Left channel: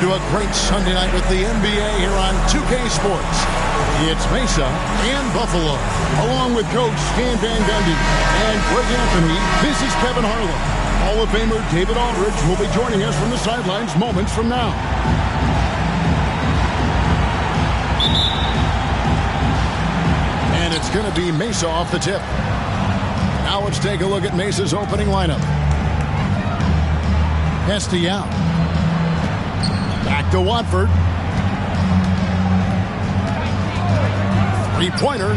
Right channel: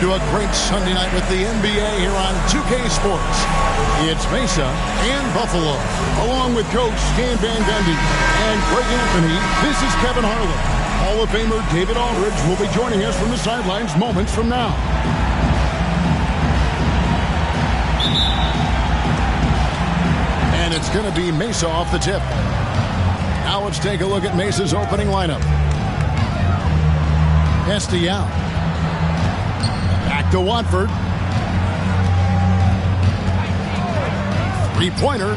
Welcome to a great Sunday night with the NBA here on 2K Sports. It's Mesa and Buffalo. Along with Coach Stan Van Gundy and Greg Anthony, this is Kevin Harlan. Hall of Famer David Aldridge will be joining us from the sidelines moments from now. And it's going to be Mesa off the tip. Now let's take a look at Mesa's opening lineup. Castellao. Back to Watford. Three-pointer.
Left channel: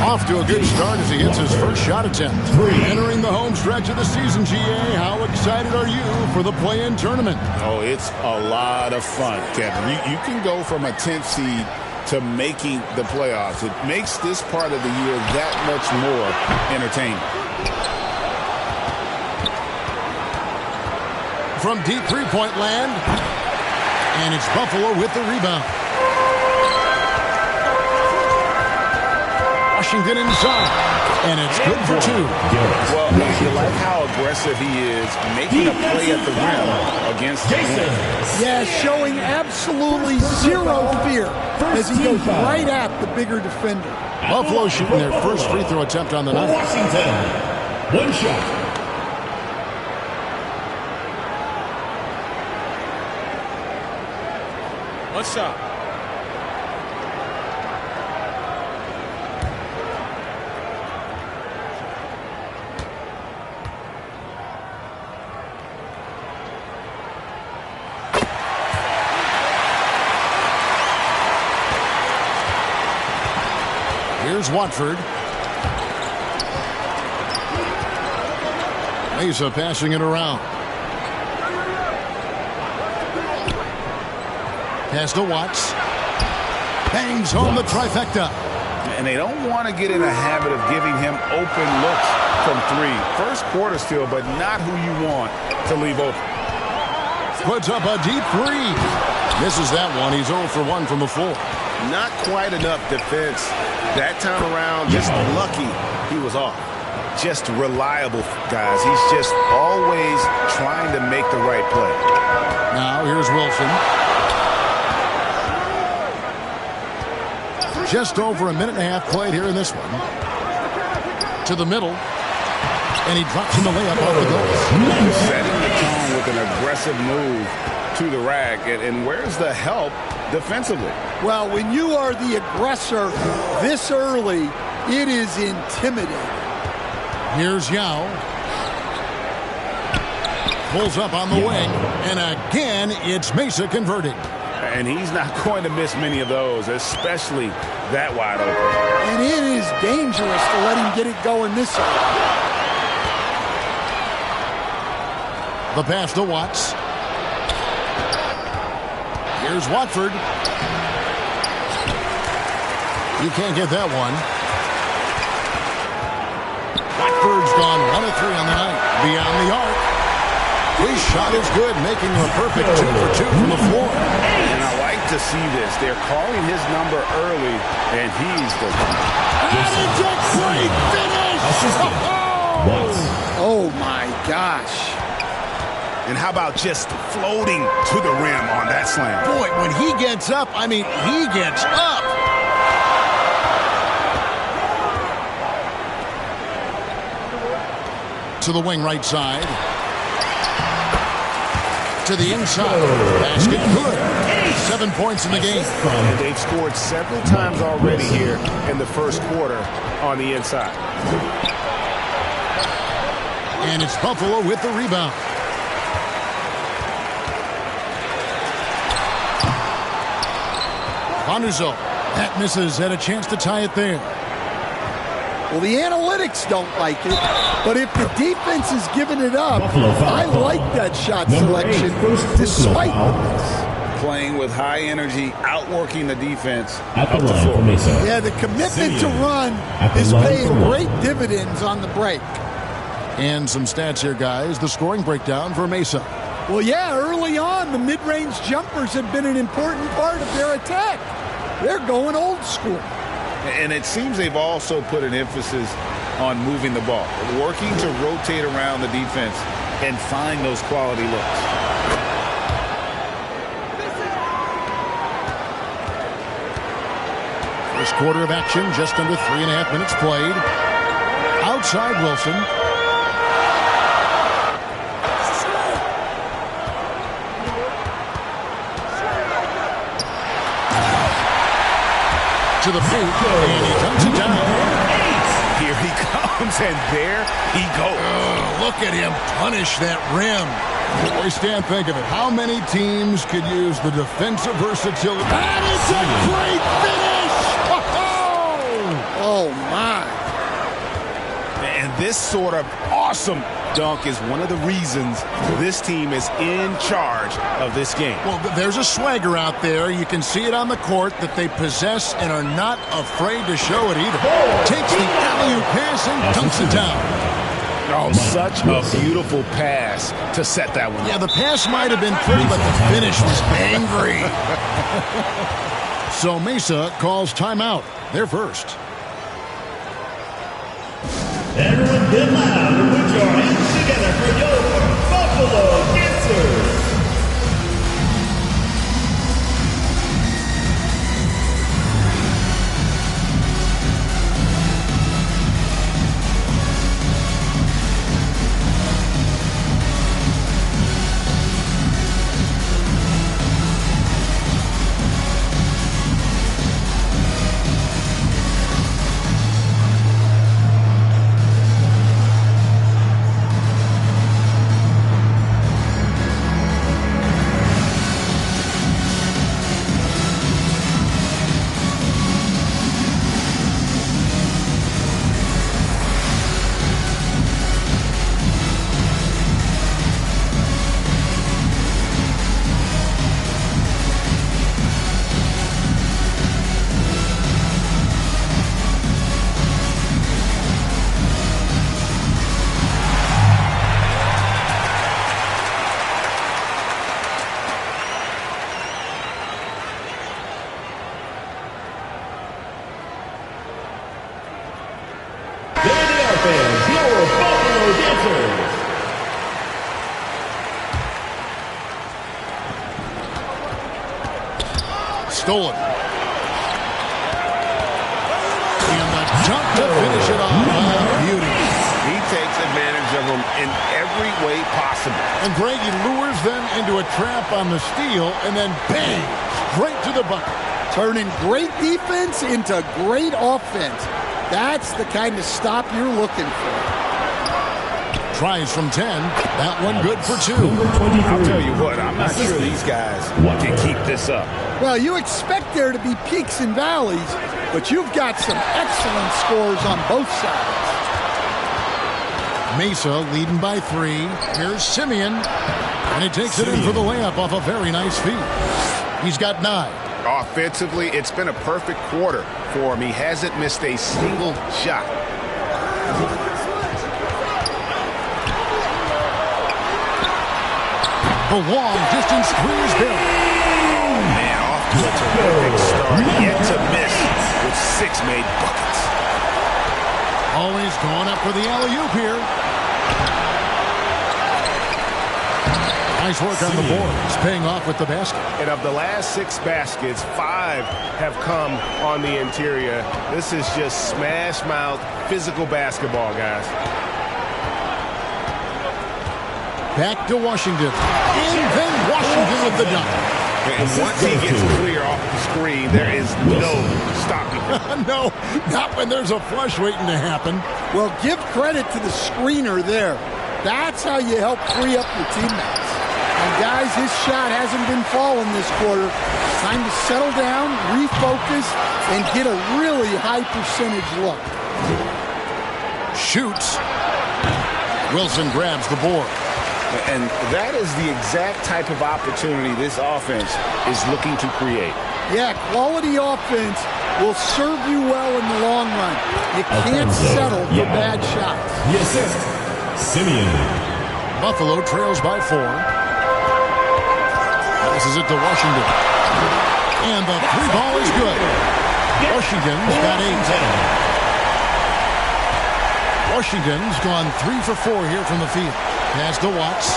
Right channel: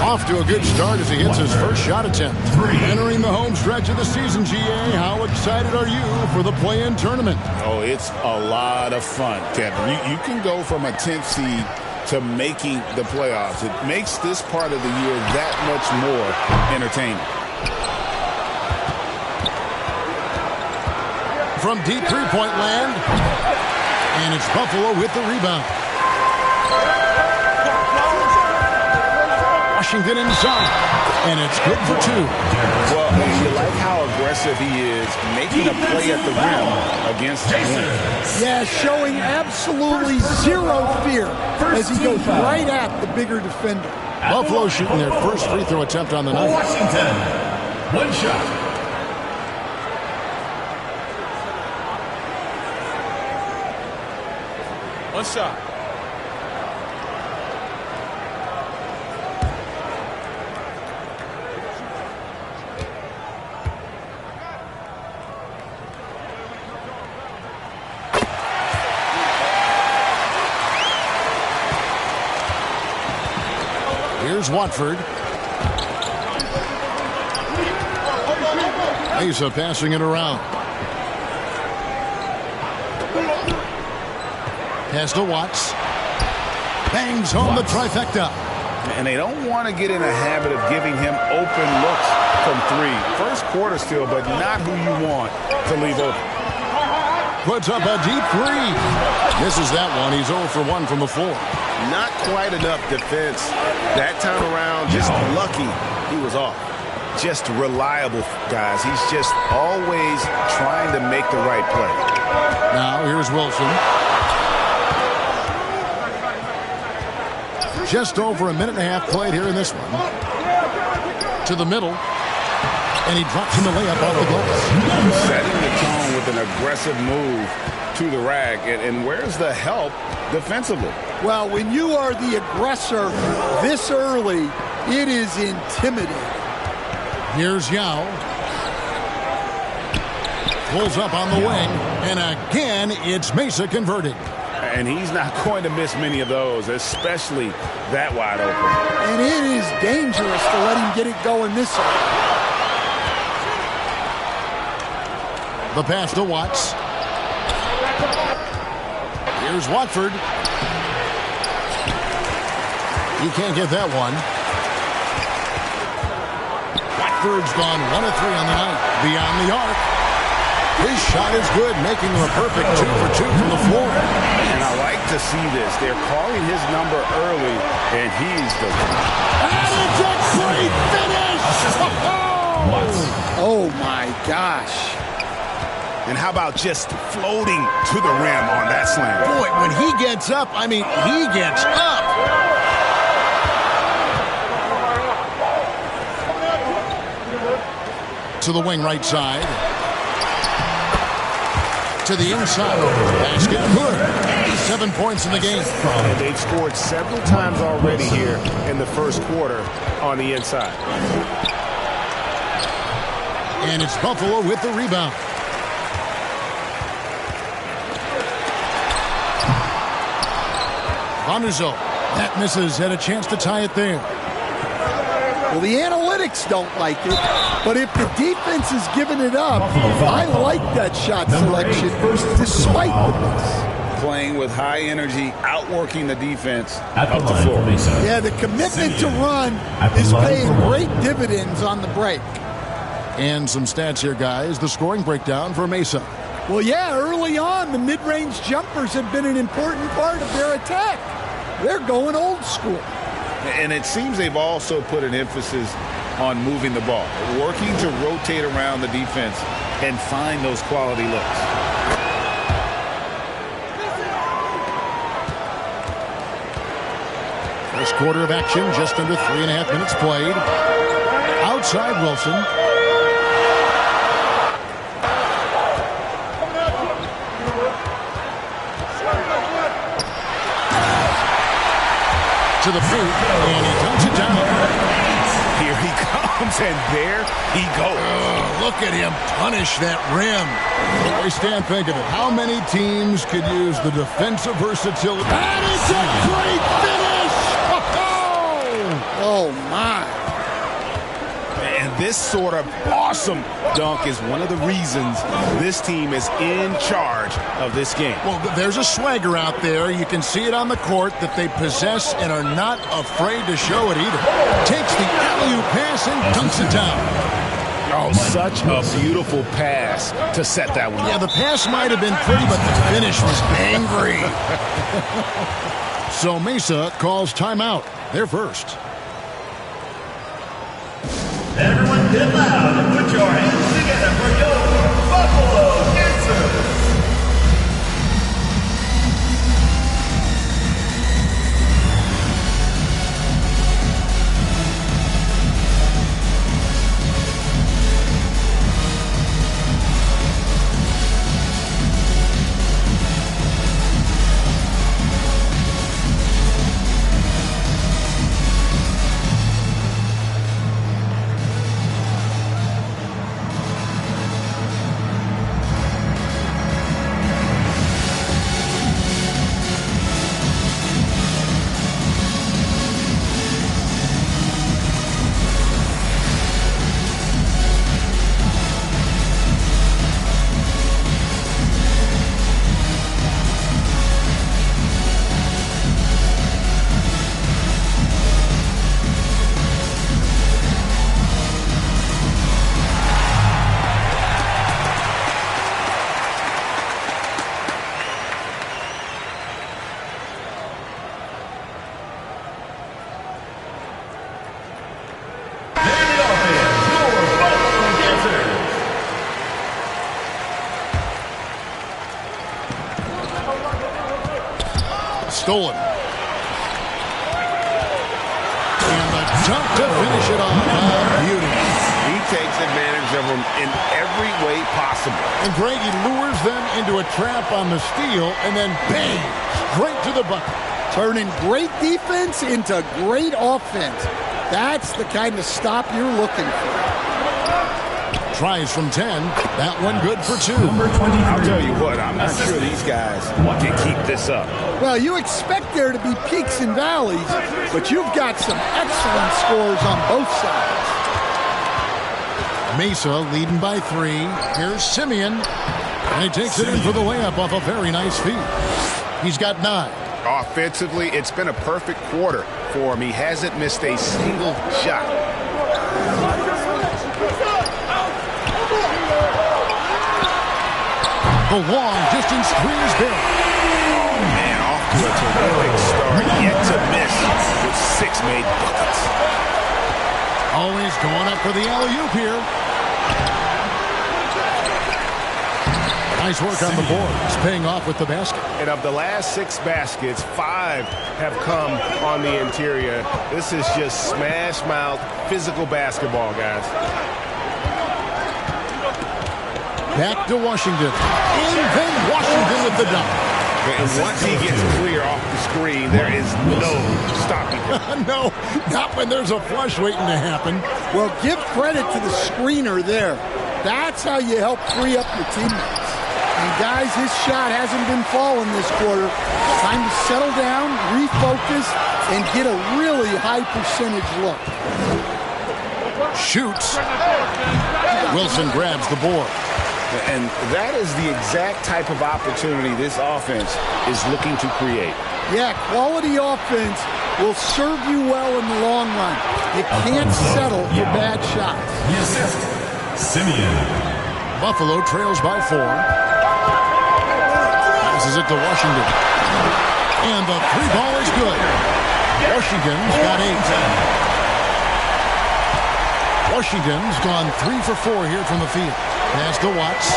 Off to a good start as he hits his first shot attempt. Entering the home stretch of the season, GA. How excited are you for the play-in tournament? Oh, it's a lot of fun, Kevin. You can go from a 10th seed to making the playoffs. It makes this part of the year that much more entertaining. From deep three-point land, and it's Buffalo with the rebound. Washington inside, and it's good for two. Well, you like how aggressive he is, making a play at the rim against the wing. Yeah, showing absolutely zero fear as he goes right at the bigger defender. Buffalo shooting their first free throw attempt on the night. Washington, one shot. One shot. Here's Watford. Mesa passing it around. Pass to Watts. Bangs home the trifecta. And they don't want to get in a habit of giving him open looks from three. First quarter still, but not who you want to leave open. Puts up a deep three. Misses that one. He's 0 for 1 from the floor. Not quite enough defense that time around. Just lucky he was off. Just reliable, guys. He's just always trying to make the right play. Now here's Wilson. Just over a minute and a half played here in this one. To the middle. And he drops in the layup off the glass. Setting the tone with an aggressive move to the rack. And where's the help defensively? Well, when you are the aggressor this early, it is intimidating. Here's Yao. Pulls up on the wing. And again, it's Mesa converting. And he's not going to miss many of those, especially that wide open. And it is dangerous to let him get it going this early. The pass to Watts. Here's Watford. He can't get that one. Watford's gone 1 of 3 on the night. Beyond the arc. His shot is good, making him a perfect 2 for 2 from the floor. And I like to see this. They're calling his number early, and he's the one. And it's a great finish! Oh, my gosh. And how about just floating to the rim on that slam? Boy, when he gets up, I mean, he gets up. To the wing right side. To the inside. Basket good. 7 points in the game. And they've scored several times already here in the first quarter on the inside. And it's Buffalo with the rebound. Van der Zalm. That misses. Had a chance to tie it there. Well, the analytics don't like it, but if the defense is giving it up, I like that shot selection despite the miss. Playing with high energy, outworking the defense At the up the line floor. for Mesa. Yeah, the commitment to run At the is line paying for one. great dividends on the break. And some stats here, guys. The scoring breakdown for Mesa. Well, yeah, early on, the mid-range jumpers have been an important part of their attack. They're going old school. And it seems they've also put an emphasis on moving the ball, working to rotate around the defense and find those quality looks. First quarter of action, just under 3.5 minutes played. Outside Wilson. To the paint, and he dunks it down. Here he comes, and there he goes. Look at him punish that rim. Boy, Stan, think of it. How many teams could use the defensive versatility? And it's a great finish! Oh, my. And this sort of awesome dunk is one of the reasons this team is in charge of this game. Well, there's a swagger out there. You can see it on the court that they possess and are not afraid to show it either. Takes the alley-oop pass and dunks it down. Oh, such a beautiful pass to set that one up. Yeah, the pass might have been pretty, but the finish was angry. So Mesa calls timeout. They're first. Everyone get loud and put your hands together for your Buffalo Dancers. Stolen. And the dunk to finish it off. Beauty. He takes advantage of them in every way possible. And Greg, he lures them into a trap on the steal, and then bang, straight to the bucket. Turning great defense into great offense. That's the kind of stop you're looking for. Tries from 10. That one good for 2. I'll tell you what, I'm not sure these guys can keep this up. Well, you expect there to be peaks and valleys, but you've got some excellent scores on both sides. Mesa leading by 3. Here's Simeon. And he takes it in for the layup off a very nice feed. He's got 9. Offensively, it's been a perfect quarter for him. He hasn't missed a single shot. The long distance 3 is Barry. Oh, man, off to a terrific start. Yet to miss with 6 made buckets. Always going up for the alley-oop here. Nice work on the board. It's paying off with the basket. And of the last 6 baskets, 5 have come on the interior. This is just smash-mouth physical basketball, guys. Back to Washington. And then Washington with the dunk. And once he gets clear off the screen, there is no stopping him. No, not when there's a flush waiting to happen. Well, give credit to the screener there. That's how you help free up your teammates. And, guys, his shot hasn't been falling this quarter. Time to settle down, refocus, and get a really high percentage look. Shoots. Wilson grabs the board. And that is the exact type of opportunity this offense is looking to create. Yeah, quality offense will serve you well in the long run. You can't settle for bad shots. The assist, Simeon. Buffalo trails by 4. Passes it to Washington. And the 3 ball is good. Washington's got 8. Washington's gone 3 for 4 here from the field. Pass to Watts.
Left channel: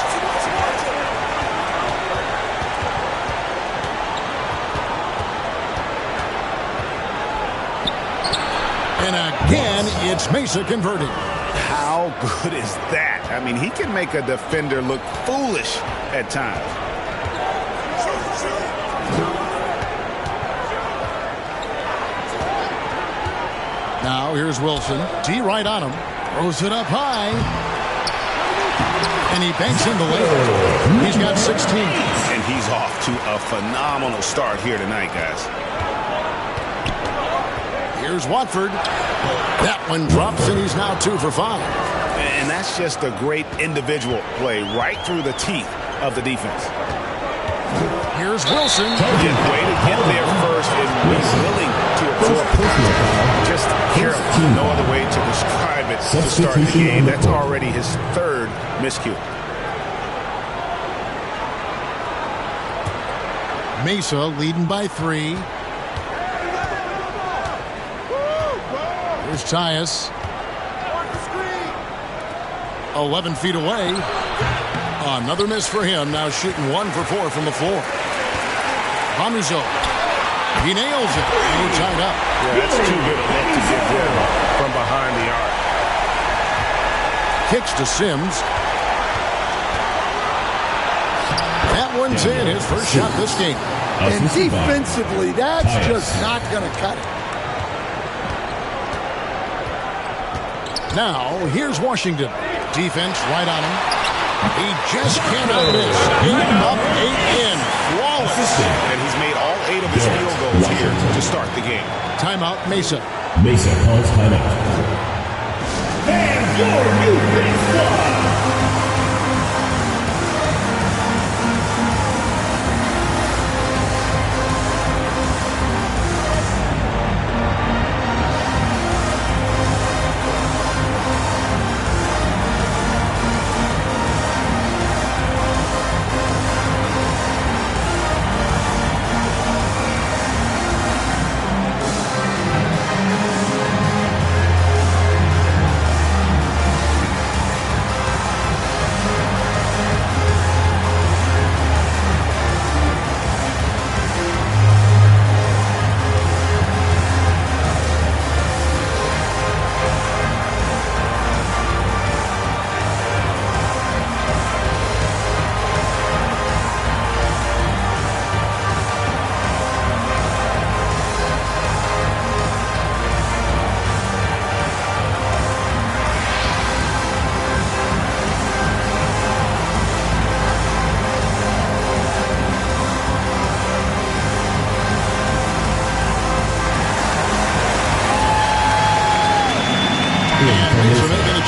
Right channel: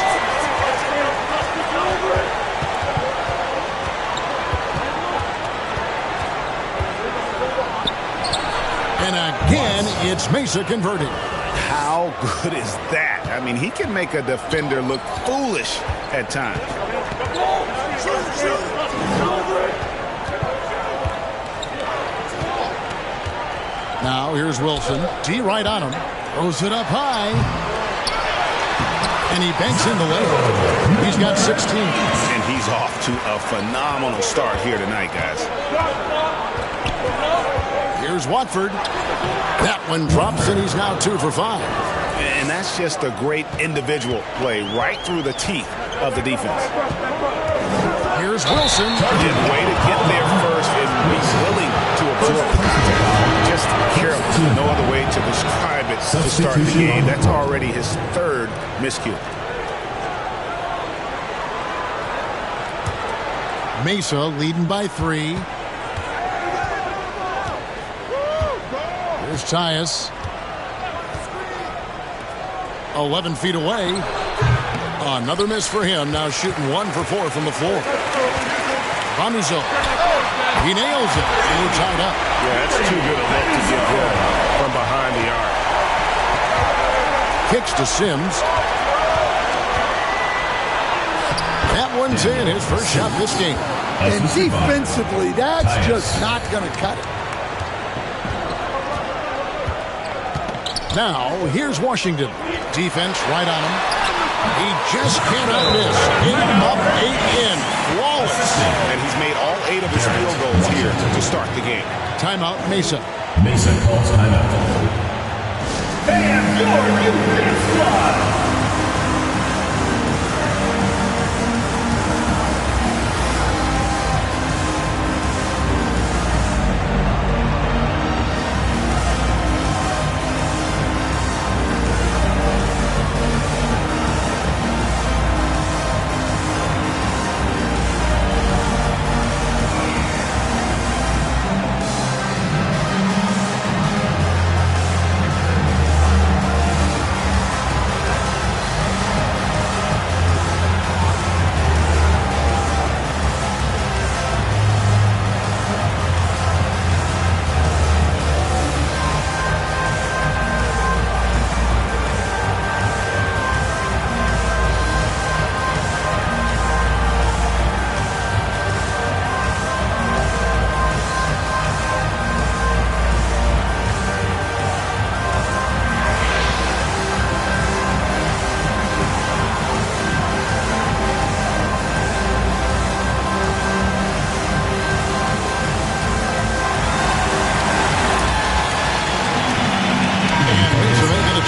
And again, it's Mesa converting. How good is that? I mean, he can make a defender look foolish at times. Now here's Wilson. D right on him. Throws it up high. And he banks in the layup. He's got 16. And he's off to a phenomenal start here tonight, guys. Here's Watford. That one drops, and he's now 2 for 5. And that's just a great individual play right through the teeth of the defense. Here's Wilson. Yeah, way to get there first and be willing to absorb contact. Just careless. No other way to describe it to start the game. That's already his 3rd miscue. Mesa leading by 3. Here's Tyus. 11 feet away. Another miss for him. Now shooting 1 for 4 from the floor. Vanuzo. He nails it. And we're tied up. Yeah, that's too good a look to give him from behind the arc. Kicks to Sims. That one's in. His first shot this game. And defensively, that's just not going to cut it. Now, here's Washington. Defense right on him. He just cannot miss. 8 up, 8 in. Flawless. And he's made all 8 of his field goals here to start the game. Timeout, Mesa. Mesa calls timeout. And your defense squad.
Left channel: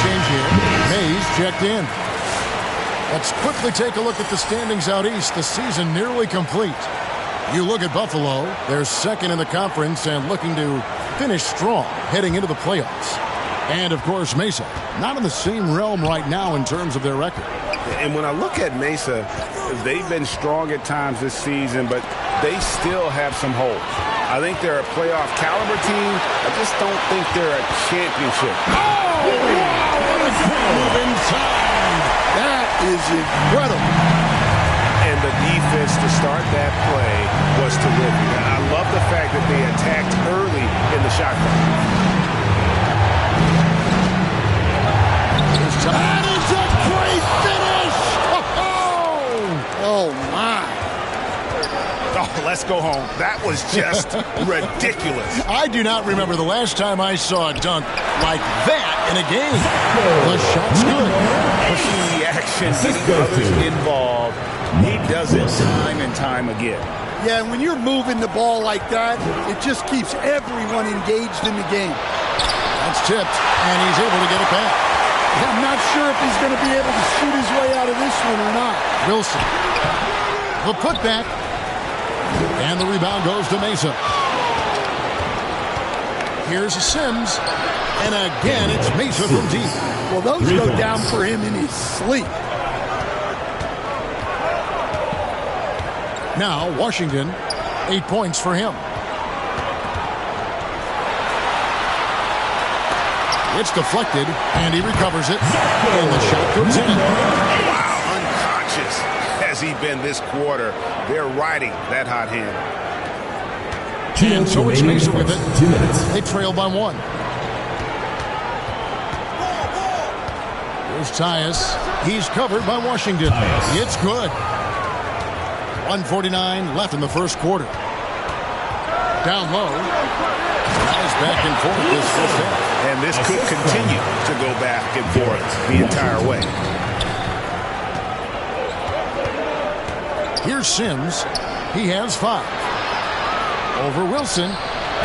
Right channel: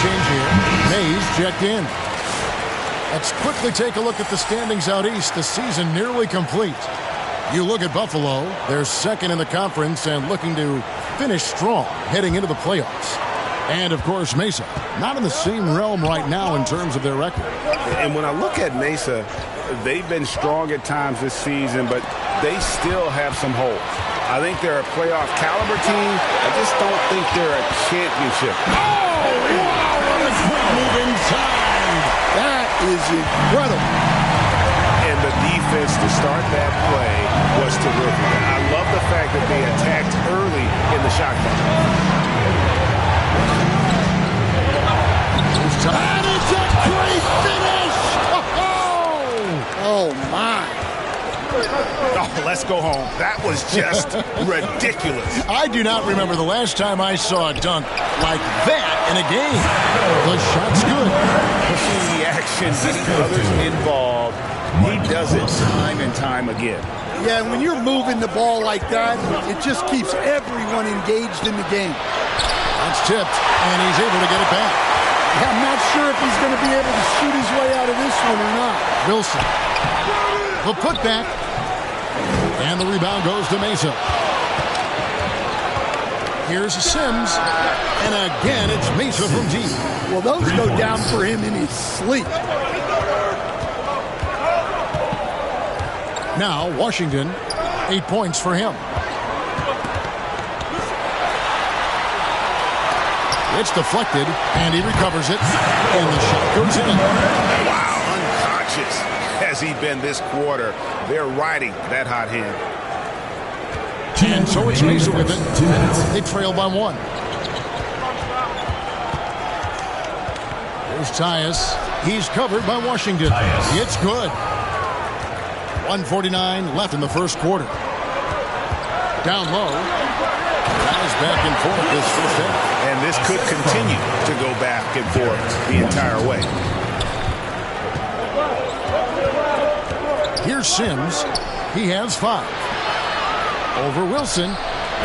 Change here. Mays checked in. Let's quickly take a look at the standings out east. The season nearly complete. You look at Buffalo. They're 2nd in the conference and looking to finish strong heading into the playoffs. And, of course, Mesa, not in the same realm right now in terms of their record. And when I look at Mesa, they've been strong at times this season, but they still have some holes. I think they're a playoff caliber team. I just don't think they're a championship. Oh, wow, what a great move inside. That is incredible. And the defense to start that play was terrific. I love the fact that they attacked early in the shot clock. That is a great finish. Oh, my. Oh, let's go home. That was just ridiculous. I do not remember the last time I saw a dunk like that in a game. The shot's good. Pushing the action, getting others involved. He does it time and time again. Yeah, and when you're moving the ball like that, it just keeps everyone engaged in the game. That's tipped, and he's able to get it back. Yeah, I'm not sure if he's going to be able to shoot his way out of this one or not. Wilson. The putback. And the rebound goes to Mesa. Here's Sims. And again, it's Mesa from deep. Well, those go down for him in his sleep. Now, Washington, 8 points for him. It's deflected, and he recovers it. And the shot goes in. Wow, unconscious has he been this quarter. They're riding that hot hand. And so it's Mesa with it. 2 minutes. They trail by 1. Here's Tyus. He's covered by Washington. Tyus. It's good. 1:49 left in the first quarter. Down low. Guys back and forth this first half. And this could continue to go back and forth the entire way. Here's Sims. He has 5. Over Wilson.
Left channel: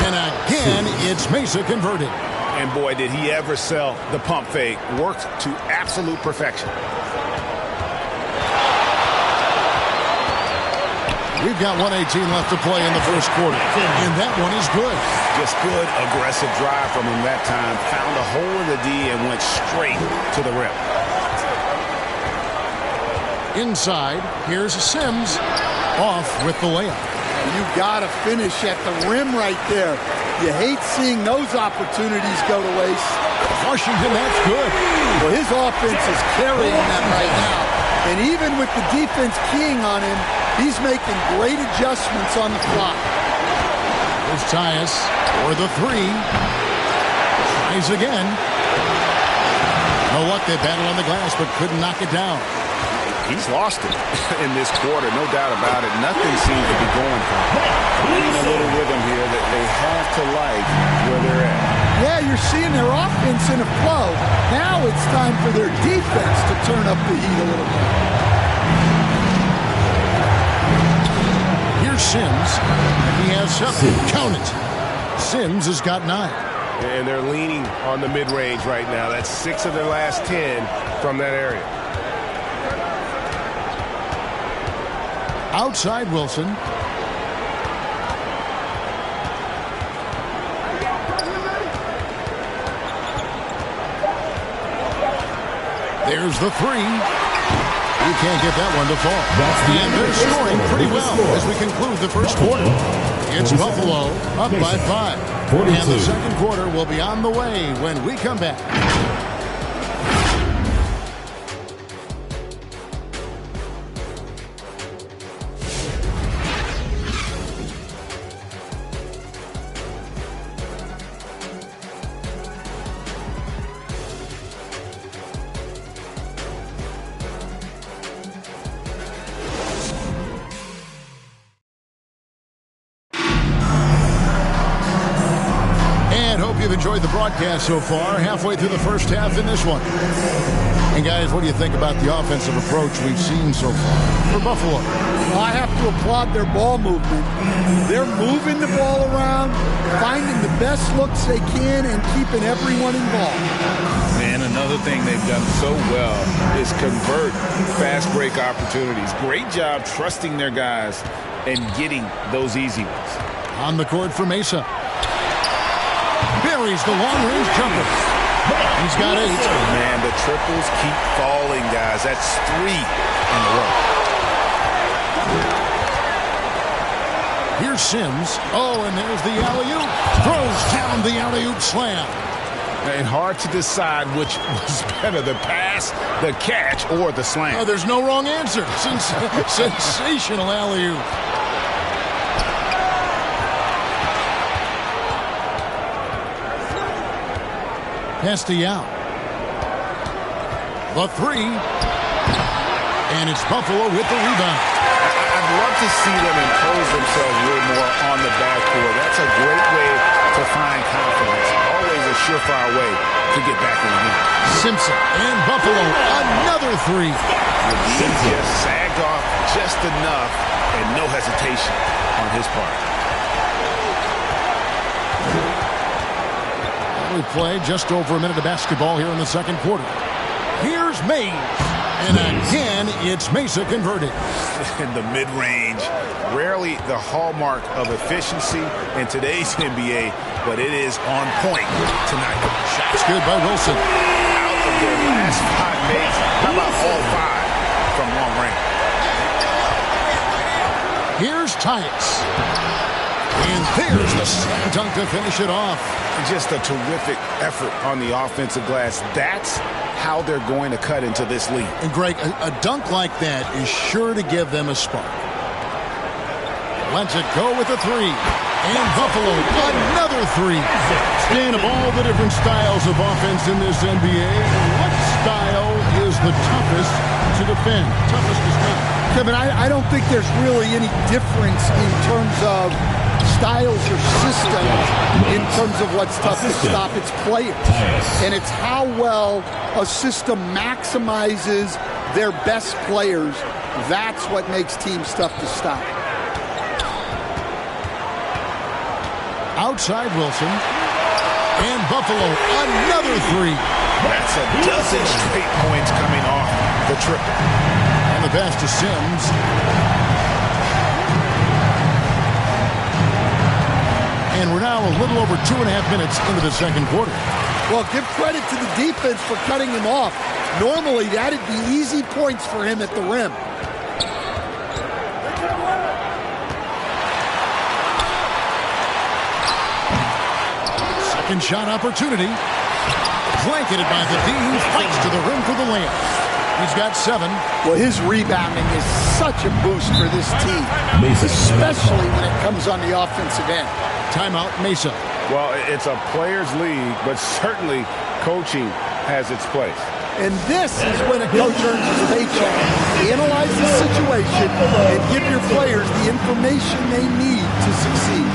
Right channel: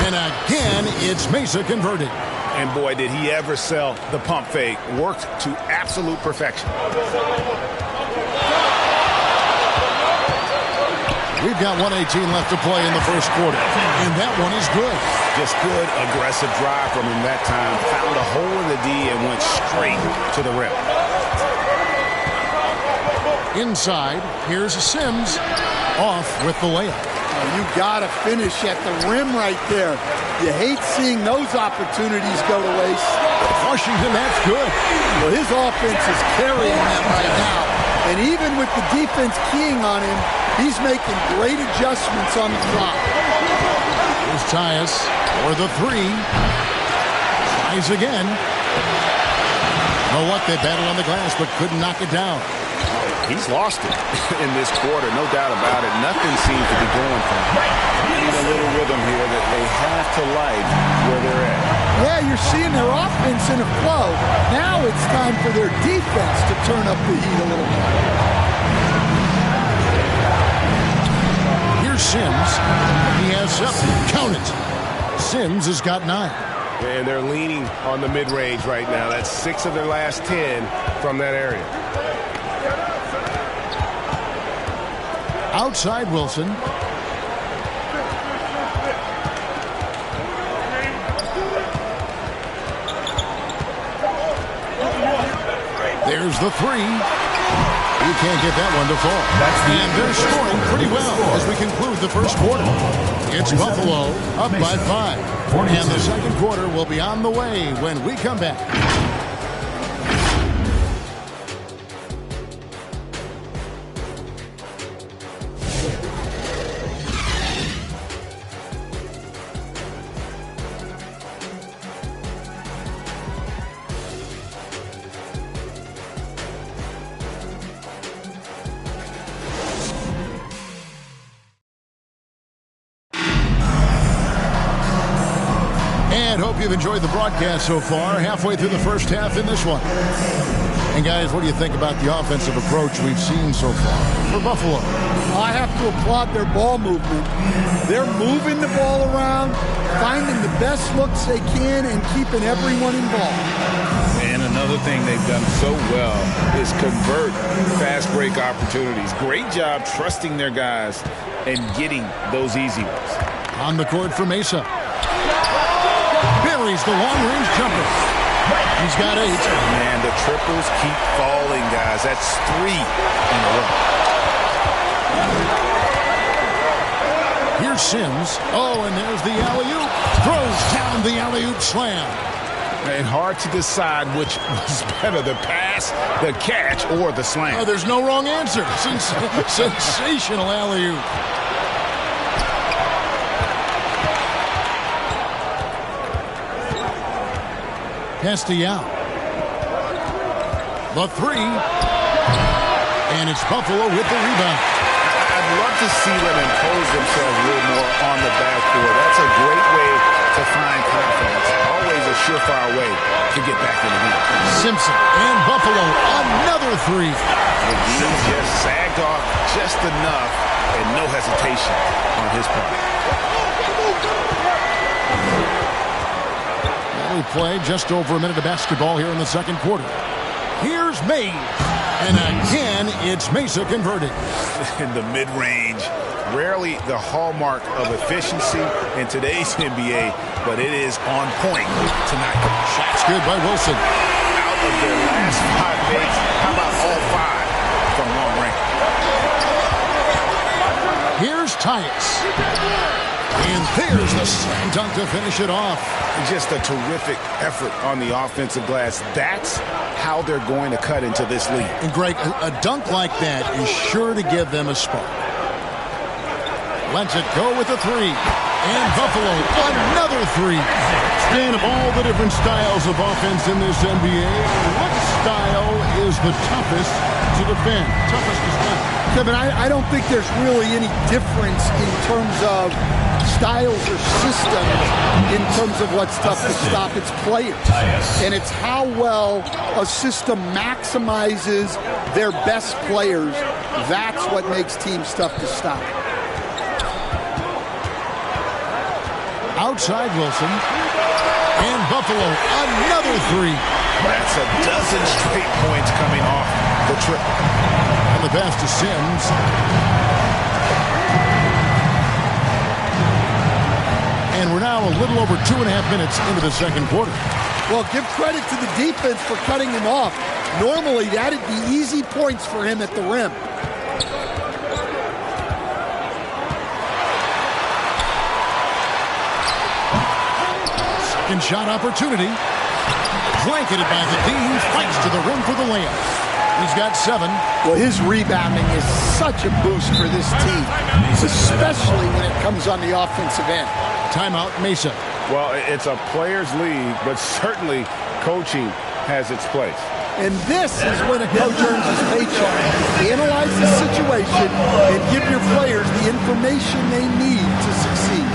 And again, it's Mesa converted. And boy, did he ever sell the pump fake. Worked to absolute perfection. We've got 1:18 left to play in the first quarter. And that one is good. Just good, aggressive drive from him that time. Found a hole in the D and went straight to the rim. Inside, here's Sims. Off with the layup. You got to finish at the rim right there. You hate seeing those opportunities go to waste. Washington, that's good. Well, his offense is carrying them right now. And even with the defense keying on him, he's making great adjustments on the fly. Here's Tyus for the 3. Tries again. You know what? They battled on the glass but couldn't knock it down. He's lost it in this quarter, no doubt about it. Nothing seems to be going for him. Finding a little rhythm here that they have to like where they're at. Yeah, you're seeing their offense in a flow. Now it's time for their defense to turn up the heat a little more. Here's Sims. He has 7. Count it. Sims has got 9. And they're leaning on the mid-range right now. That's 6 of their last 10 from that area. Outside Wilson. There's the 3. You can't get that one to fall. And they're scoring pretty well as we conclude the first quarter. It's Buffalo up by 5. And the second quarter will be on the way when we come back. And hope you've enjoyed the broadcast so far. Halfway through the first half in this one. And guys, what do you think about the offensive approach we've seen so far for Buffalo? Well, I have to applaud their ball movement. They're moving the ball around, finding the best looks they can, and keeping everyone involved. And another thing they've done so well is convert fast break opportunities. Great job trusting their guys and getting those easy ones. On the court for Mesa. Buries the long-range jumper. He's got 8. Man, the triples keep falling, guys. That's 3 in a row. Here's Sims. Oh, and there's the alley-oop. Throws down the alley-oop slam. And hard to decide which was better, the pass, the catch, or the slam. Oh, there's no wrong answer. Sensational alley-oop. Castellano. The 3. And it's Buffalo with the rebound. I'd love to see them impose themselves a little more on the backboard. That's a great way to find confidence. Always a surefire way to get back in the game. Simpson and Buffalo, another 3. He just sagged off just enough and no hesitation on his part. We play just over a minute of basketball here in the second quarter. Here's Mays. And again, it's Mesa converted. In the mid-range, rarely the hallmark of efficiency in today's NBA, but it is on point tonight. Shot's good by Wilson. Out of their last 5 makes, how about all 5 from long range? Here's Tyus. And there's the slam dunk to finish it off. Just a terrific effort on the offensive glass. That's how they're going to cut into this lead. And Greg, a dunk like that is sure to give them a spark. Lets it go with a 3. And Buffalo, another 3. Stan, of all the different styles of offense in this NBA, what style is the toughest to defend? Toughest to stop? Kevin, I don't think there's really any difference in terms of styles or systems in terms of what's tough to stop. It's players. And it's how well a system maximizes their best players. That's what makes teams tough to stop. Outside Wilson. And Buffalo, another three. That's a dozen straight points coming off the triple. And the pass to Sims. And we're now a little over 2.5 minutes into the second quarter. Well, give credit to the defense for cutting him off. Normally, that'd be easy points for him at the rim. Second shot opportunity. Blanketed by the D. He fights to the rim for the layup. He's got 7. Well, his rebounding is such a boost for this team, especially when it comes on the offensive end. Timeout, Mesa. Well, it's a players' league, but certainly coaching has its place. And this is when a coach earns his paycheck. Analyze the situation and give your players the information they need to succeed.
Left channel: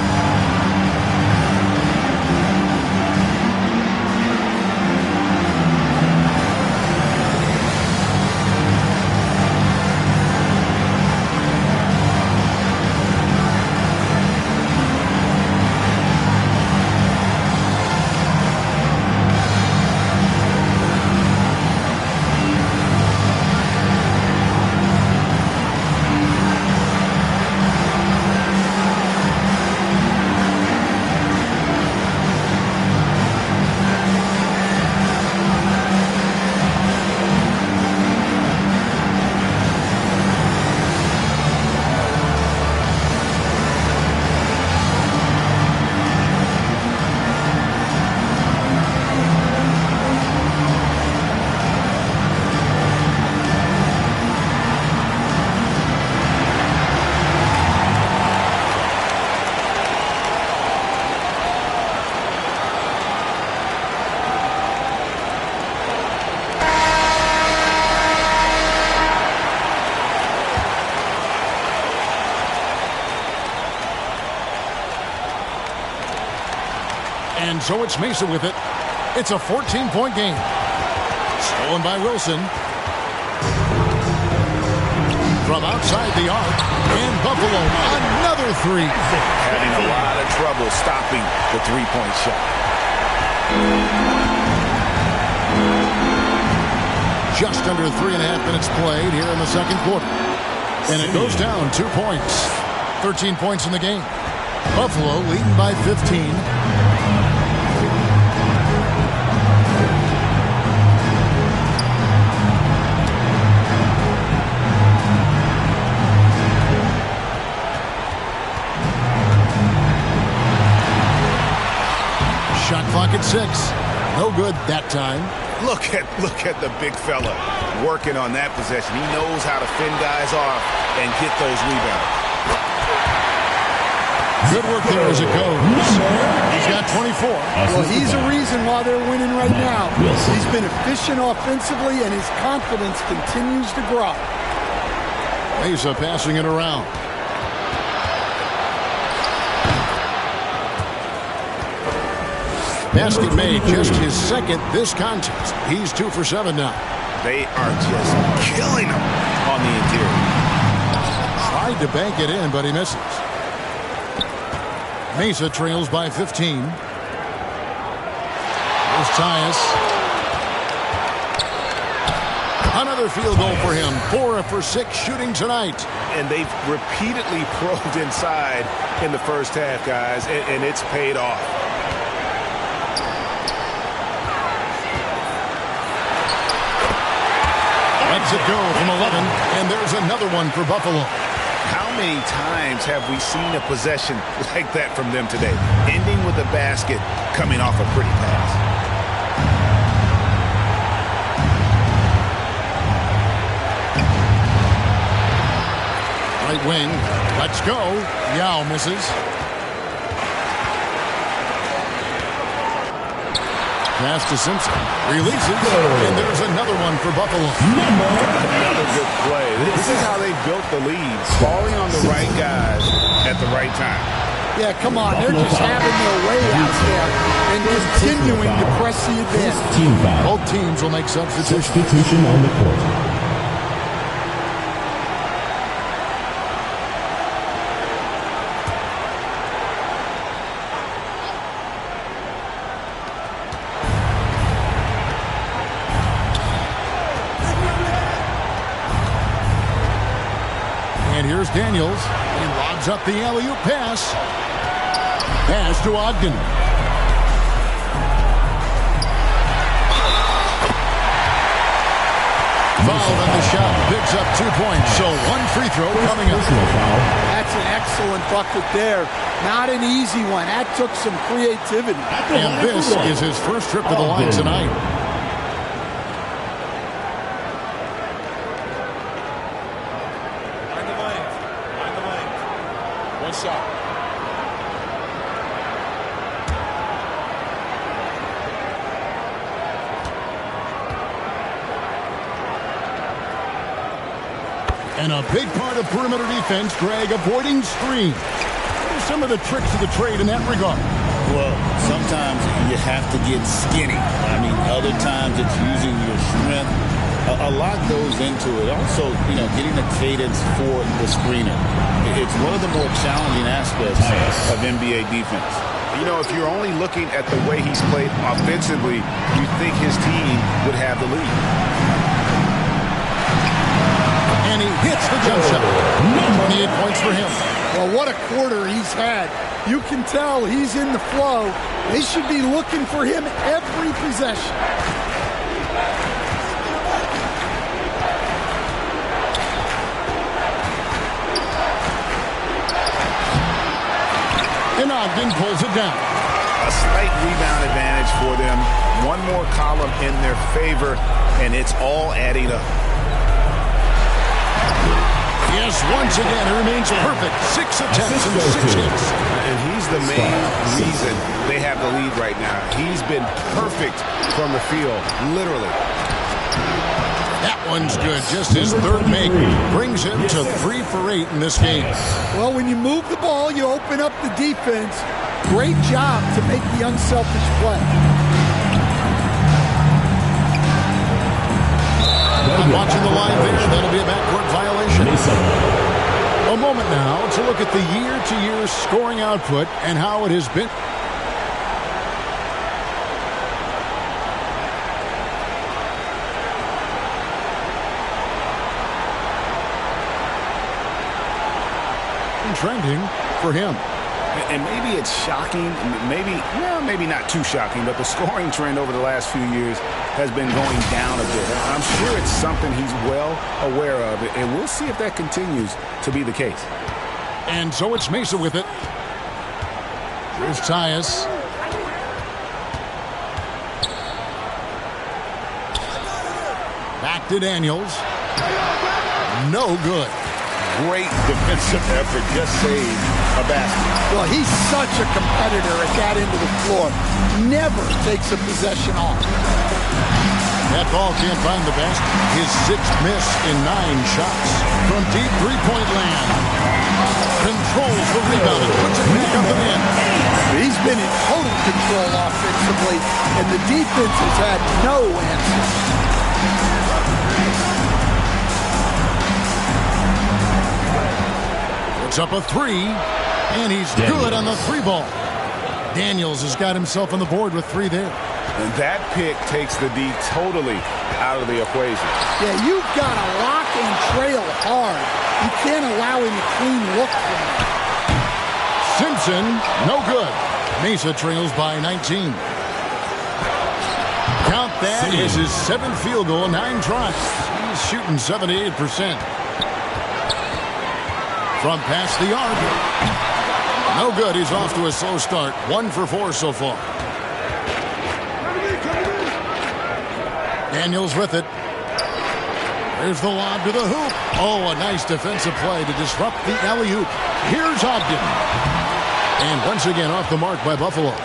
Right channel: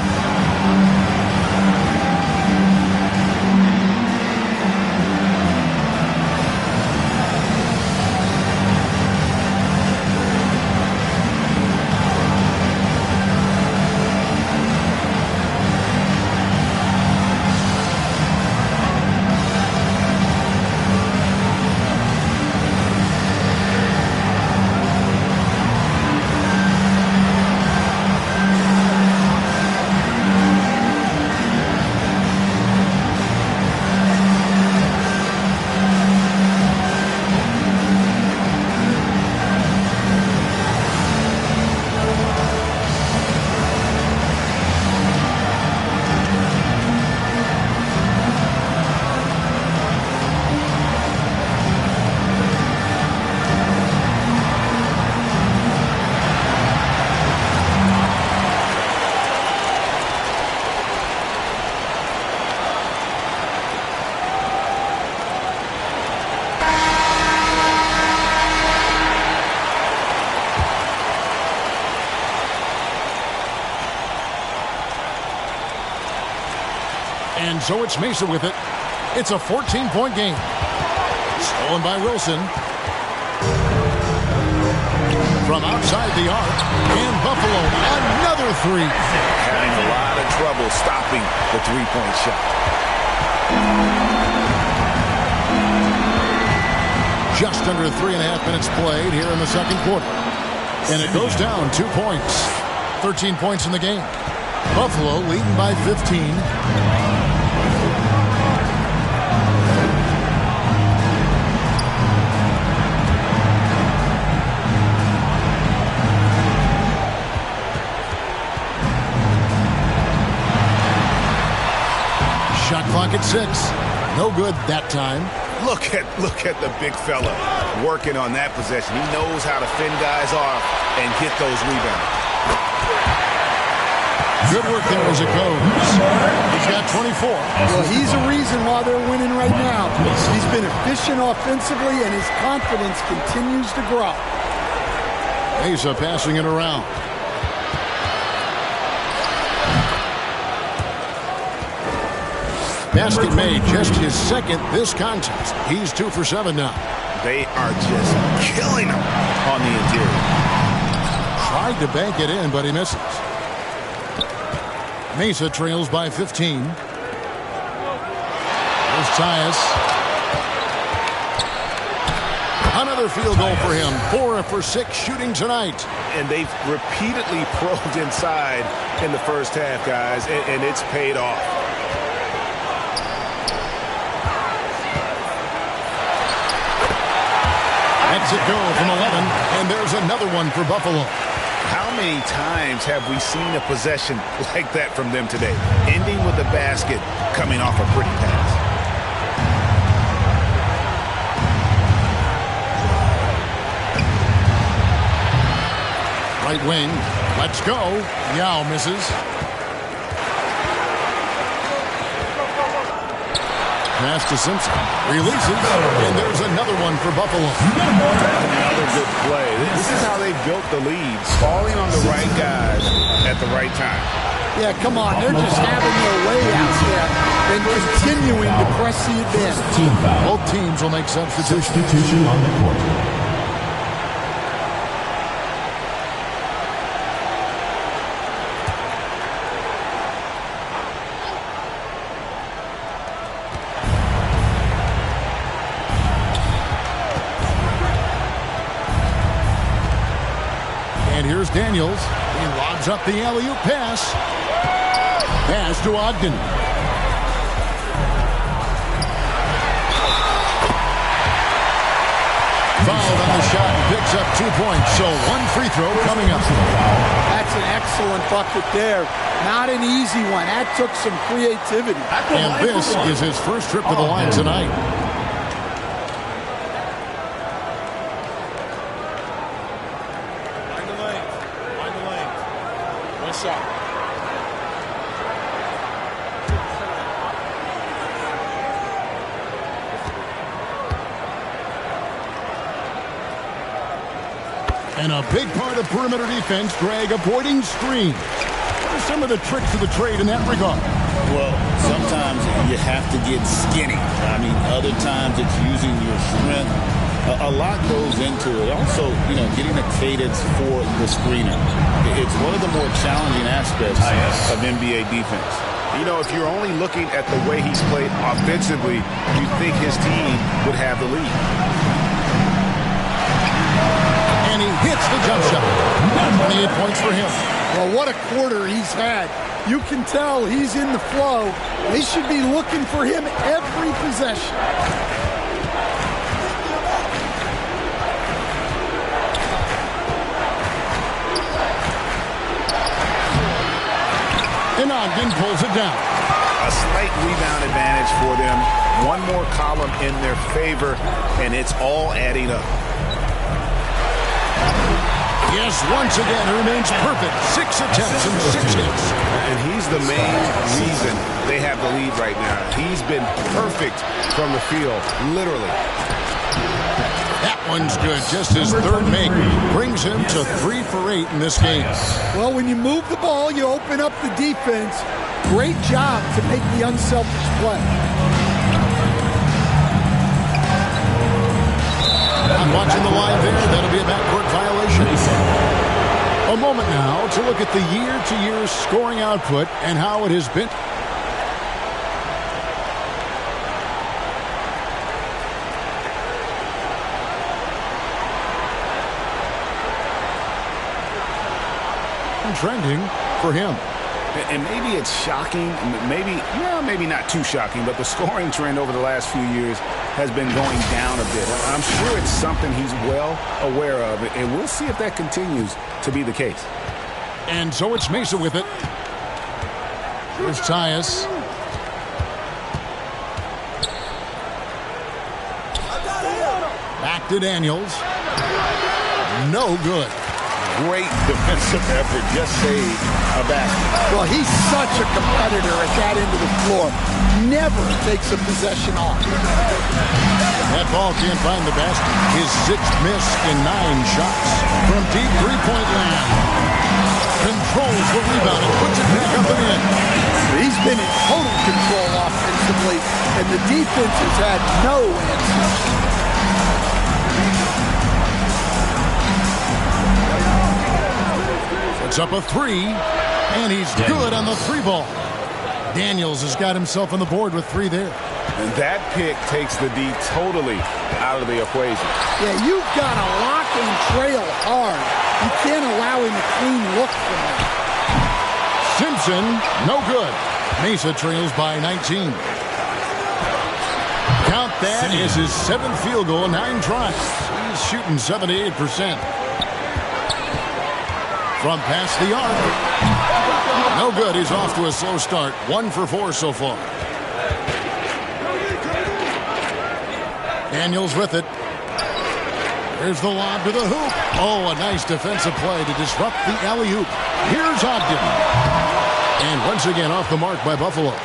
And so it's Mesa with it. It's a 14-point game. Stolen by Wilson. From outside the arc. And Buffalo, another three. Having a lot of trouble stopping the three-point shot. Just under 3.5 minutes played here in the second quarter. And it goes down 2 points. 13 points in the game. Buffalo leading by 15. Shot clock at 6. No good that time. Look at the big fella working on that possession. He knows how to fend guys off and get those rebounds. Good work there as it goes. He's got 24. Well, he's a reason why they're winning right now. He's been efficient offensively, and his confidence continues to grow. Mesa passing it around. Basket made, just his second this contest. He's 2 for 7 now. They are just killing him on the interior. Tried to bank it in, but he misses. Mesa trails by 15. Here's Tyus. Another field goal for him. 4 for 6 shooting tonight. And they've repeatedly probed inside in the first half, guys, and it's paid off. Lets it go from 11, and there's another one for Buffalo. How many times have we seen a possession like that from them today? Ending with a basket, coming off a pretty pass. Right wing, let's go. Yao misses. Pass to Simpson. Releases. And there's another one for Buffalo. Another good play. This is how they built the leads. Falling on the right guys at the right time. Yeah, come on. They're just having their way out there and continuing to press the advantage. Team foul. Both teams will make substitutions. Substitution on the court. And here's Daniels. He lobs up the alley-oop pass. Pass to Ogden. Fouled on the shot and picks up 2 points. So one free throw coming up. That's an excellent bucket there. Not an easy one. That took some creativity. And this is his first trip to the line tonight. One shot. And a big part of perimeter defense, Greg, avoiding screens. What are some of the tricks of the trade in that regard? Well, sometimes you have to get skinny. I mean, other times it's using your strength. A lot goes into it. Also, getting a cadence for the screener. It's one of the more challenging aspects of NBA defense. If you're only looking at the way he's played offensively, you think his team would have the lead. And he hits the jump shot. 28 points for him. Well, what a quarter he's had. You can tell he's in the flow. They should be looking for him every possession. And Ogden pulls it down. A slight rebound advantage for them. One more column in their favor, and it's all adding up. Yes, once again, he remains perfect. 6 attempts and 6 hits. And he's the main reason they have the lead right now. He's been perfect from the field, literally. That one's good. Just his third make brings him to 3 for 8 in this game. Well, when you move the ball, you open up the defense. Great job to make the unselfish play. I'm watching the line there. That'll be a backcourt violation. A moment now to look at the year-to-year scoring output and how it has been. Trending for him. And maybe it's shocking, maybe not too shocking, but the scoring trend over the last few years has been going down a bit. I'm sure it's something he's well aware of, and we'll see if that continues to be the case. And so it's Mesa with it. Here's Tyus. Back to Daniels. No good. Great defensive effort, just saved a basket. Well, he's such a competitor at that end of the floor. Never takes a possession off. That ball can't find the basket. His 6th miss in 9 shots from deep three-point land. Controls the rebound and puts it back up and in. He's been in total control offensively, and the defense has had no answers. It's up a 3, and he's good on the 3-ball. Daniels has got himself on the board with 3 there. And that pick takes the D totally out of the equation. Yeah, you've got to lock and trail hard. You can't allow him a clean look from that. Simpson, no good. Mesa trails by 19. Count that as his 7th field goal, 9 tries. He's shooting 78%. From past the arc. No good. He's off to a slow start. 1 for 4 so far. Daniels with it. Here's the lob to the hoop. Oh, a nice defensive play to disrupt the alley-oop. Here's Ogden. And once again off the mark by Buffalo.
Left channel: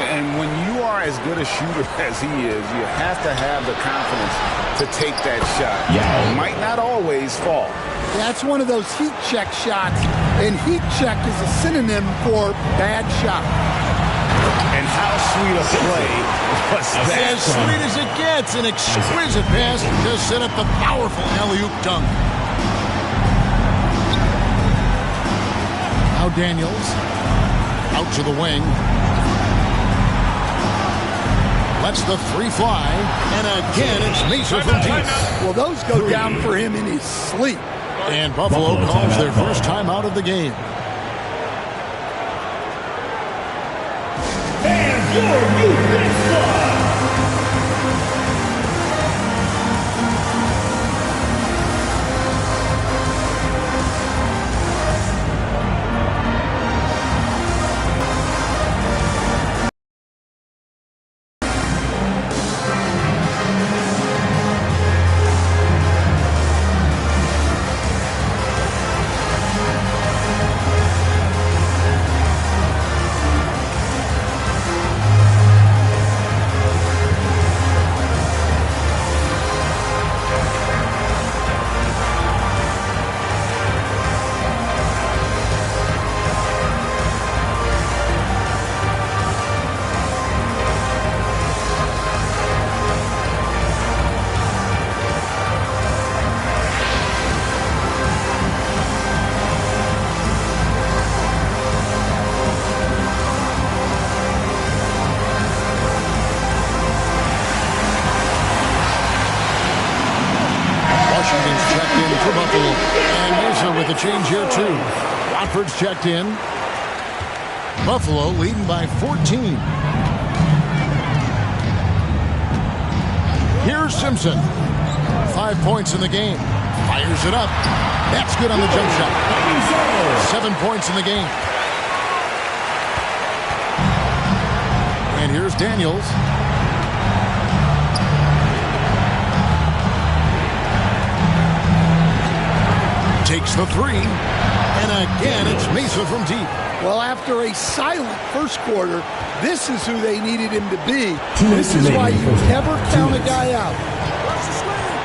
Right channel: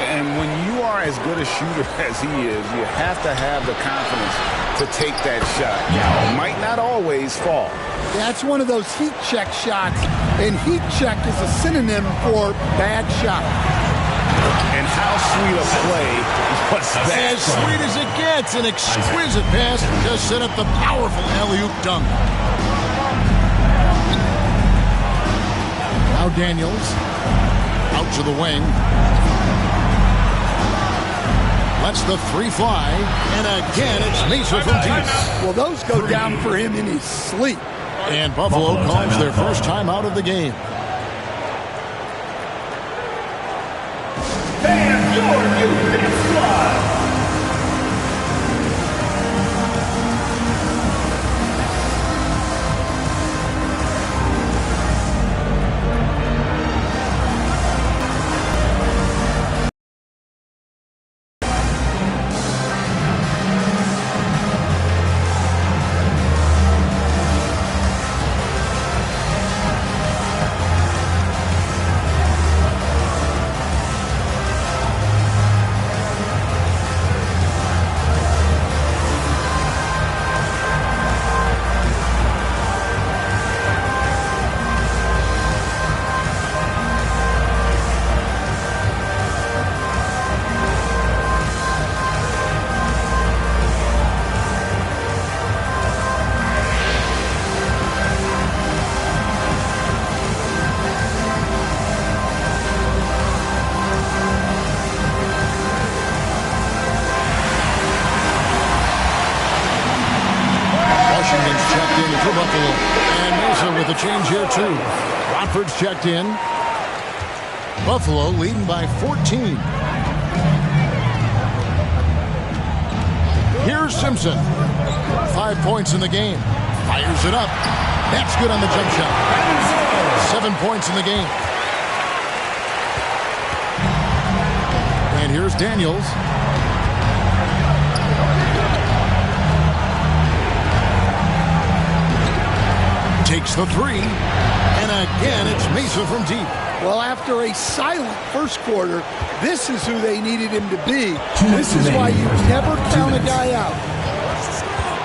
And when you are as good a shooter as he is, you have to have the confidence to take that shot. Yeah. It might not always fall. That's one of those heat check shots, and heat check is a synonym for bad shot. And how sweet a play was that? As sweet as it gets, an exquisite pass to set up the powerful alley-oop dunk. Now Daniels out to the wing. Lets the three fly, and again it's Mesa from deep. Well, those go down for him in his sleep. And Buffalo calls their first timeout of the game. And your new best squad. Washington's checked in for Buffalo. And Mesa with a change here, too. Watford's checked in. Buffalo leading by 14. Here's Simpson. 5 points in the game. Fires it up. That's good on the jump shot. 7 points in the game. And here's Daniels. Takes the three, and again it's Mesa from deep. Well, after a silent first quarter, this is who they needed him to be. This is why you never count a guy out.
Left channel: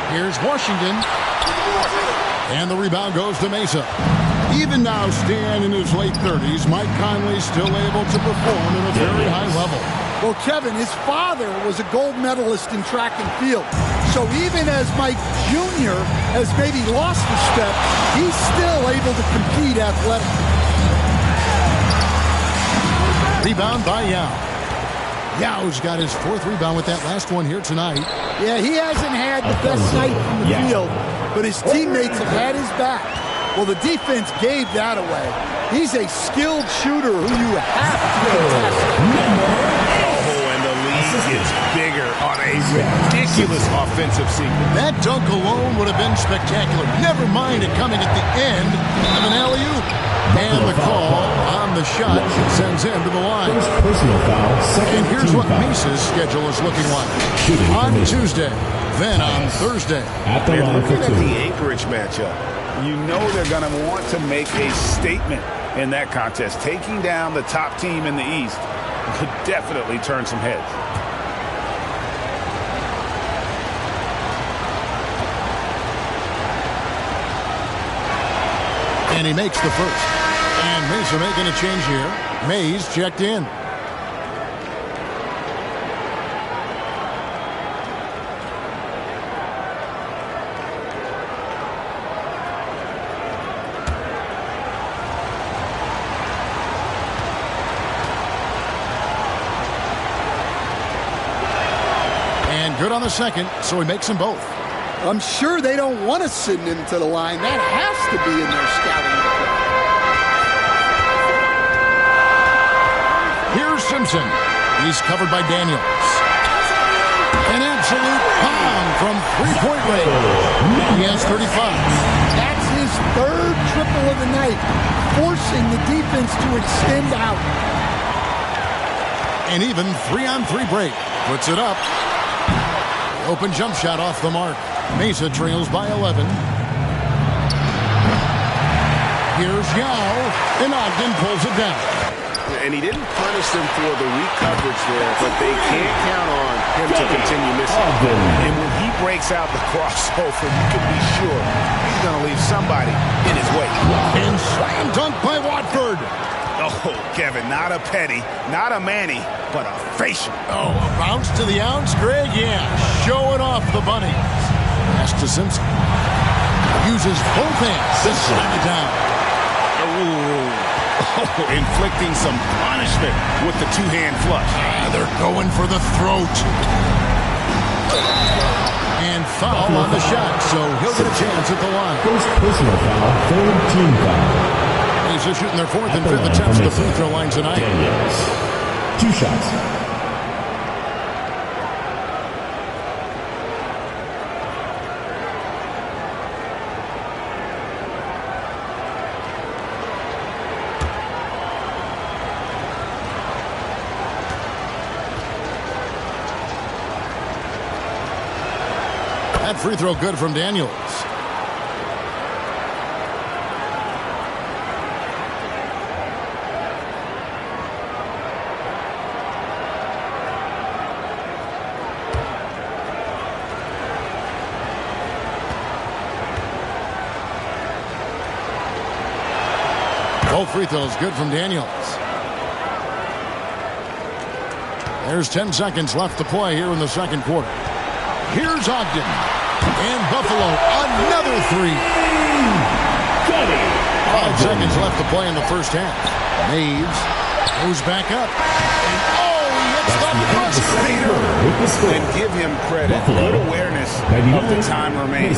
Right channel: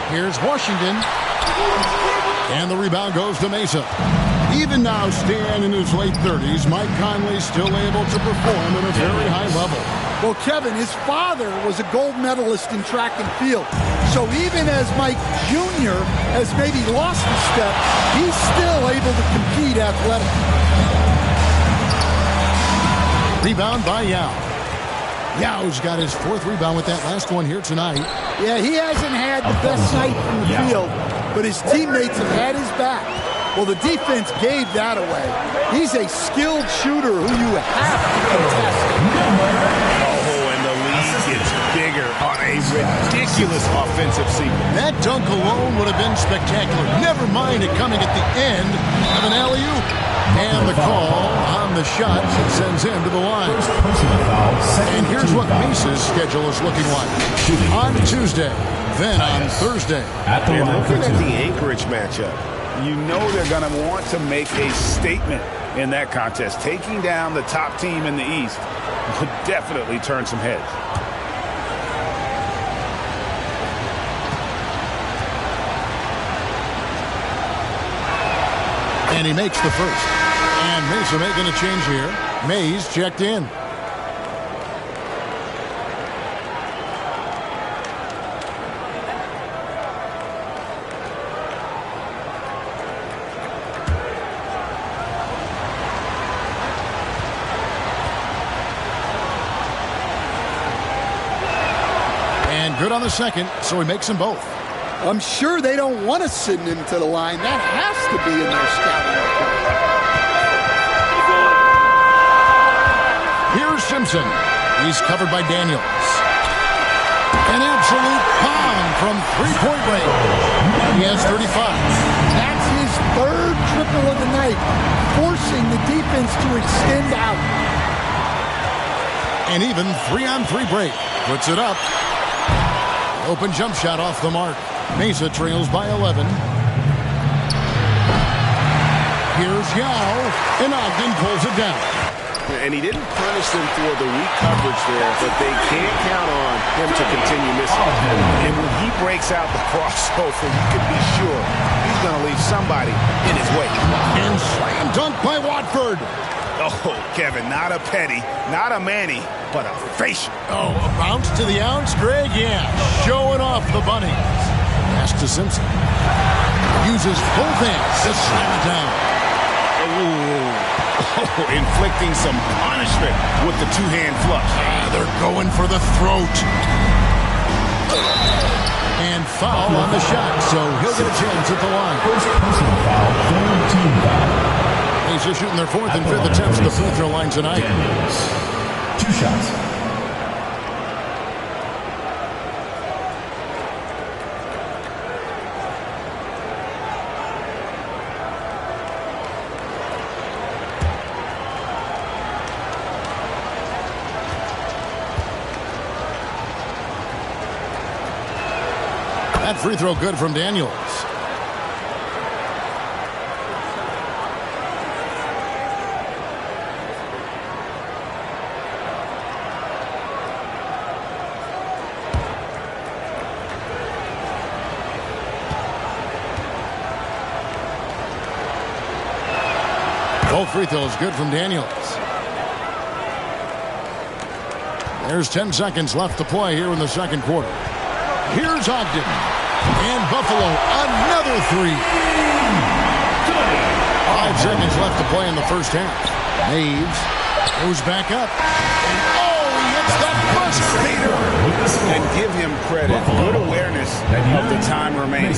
Here's Washington, and the rebound goes to Mesa. Even now, Stan in his late 30s, Mike Conley still able to perform at a very high level. Well, Kevin, his father was a gold medalist in track and field. So even as Mike Jr. has maybe lost a step, he's still able to compete athletically. Rebound by Yao. Yao's got his 4th rebound with that last one here tonight. Yeah, he hasn't had the best night from the field, but his teammates have had his back. Well, the defense gave that away. He's a skilled shooter who you have to contest. Oh, and the lead gets bigger on a ridiculous offensive sequence. That dunk alone would have been spectacular. Never mind it coming at the end of an alley-oop. And the call on the shot sends him to the line. First personal foul, second and here's team what foul. Mesa's schedule is looking like. Shooting On formation. Tuesday, then on Thursday. At the And line looking for at two. the Anchorage matchup, you know they're going to want to make a statement in that contest. Taking down the top team in the East would definitely turn some heads. And he makes the first. And Mesa making a change here. Mays checked in. And good on the second, so he makes them both. I'm sure they don't want to send him to the line. That has to be in their scouting report. Here's Simpson. He's covered by Daniels. An absolute bomb from three-point range. He has 35. That's his 3rd triple of the night, forcing the defense to extend out. And even 3-on-3 break. Puts it up. The open jump shot off the mark. Mesa trails by 11. Here's Yao, and Ogden pulls it down. And he didn't punish them for the weak coverage there, but they can't count on him to continue missing. And when he breaks out the crossover, you can be sure he's going to leave somebody in his way. And slam dunk by Watford. Oh, Kevin, not a Petty, not a Manny, but a facial. Oh, a bounce to the ounce, Greg? Yeah, showing off the bunnies. Pass to Simpson. Uses both hands to slam it down. Oh, inflicting some punishment with the two-hand flush. They're going for the throat. And foul on the shot, so he'll get a chance at the line. First personal foul, third team foul. He's just shooting their fourth and fifth attempts at the free throw line tonight. Daniels. 2 shots. That free throw good from Daniels. Both free throws good from Daniels. There's 10 seconds left to play here in the second quarter. Here's Ogden. And Buffalo, another three. 5 seconds left to play in the first half. Maves goes back up. And he hits the buzzer beater. And give him credit. Good awareness of the time remaining.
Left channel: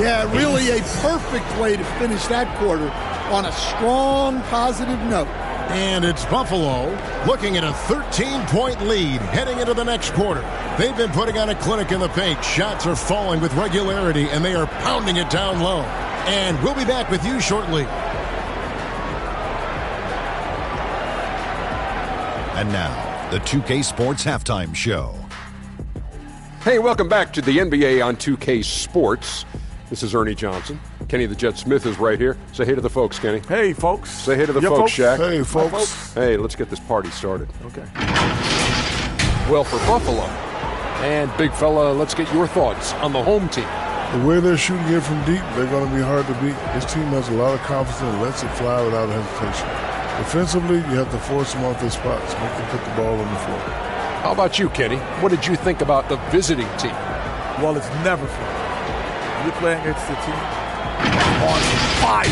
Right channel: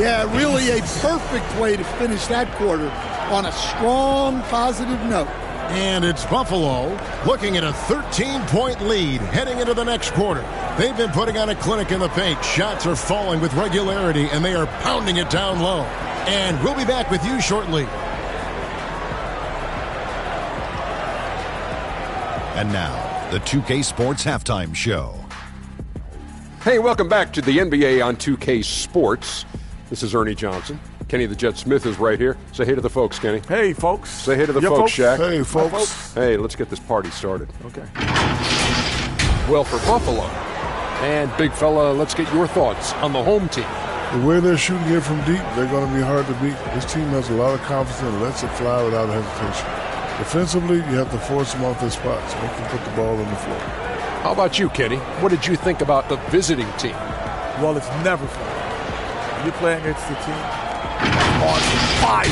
Yeah, really a perfect way to finish that quarter on a strong, positive note. And it's Buffalo looking at a 13-point lead heading into the next quarter. They've been putting on a clinic in the paint. Shots are falling with regularity, and they are pounding it down low. And we'll be back with you shortly. And now, the 2K Sports Halftime Show. Hey, welcome back to the NBA on 2K Sports. This is Ernie Johnson. Kenny the Jet Smith is right here. Say hey to the folks, Kenny. Hey, folks. Say hey to the folks, Shaq. Hey, folks. Hey, let's get this party started. Okay. Well, for Buffalo and Big Fella, let's get your thoughts on the home team. The way they're shooting it from deep, they're going to be hard to beat. This team has a lot of confidence and lets it fly without hesitation. Defensively, you have to force them off their spots, make them put the ball on the floor. How about you, Kenny? What did you think about the visiting team? Well, it's never fun. You're playing against the team on fire.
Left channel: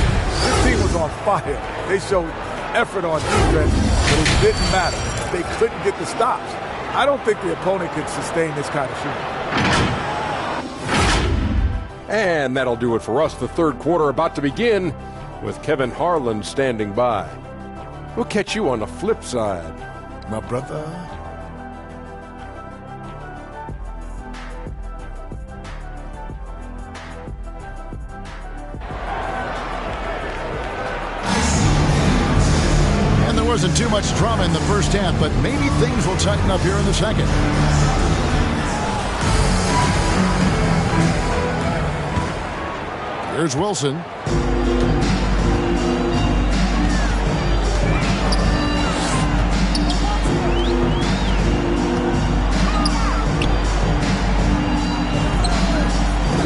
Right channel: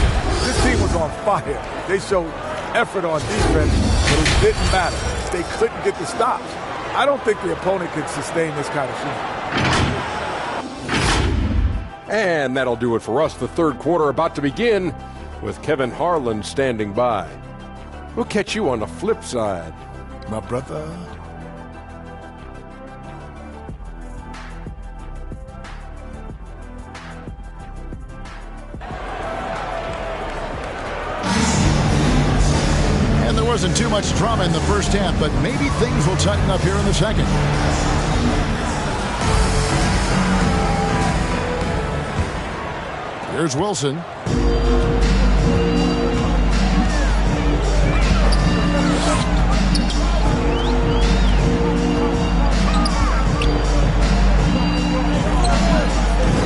This team was on fire. They showed effort on defense, but it didn't matter. They couldn't get the stops. I don't think the opponent could sustain this kind of shooting. And that'll do it for us. The third quarter about to begin with Kevin Harlan standing by. We'll catch you on the flip side, my brother. And there wasn't too much drama in the first half, but maybe things will tighten up here in the second. Here's Wilson.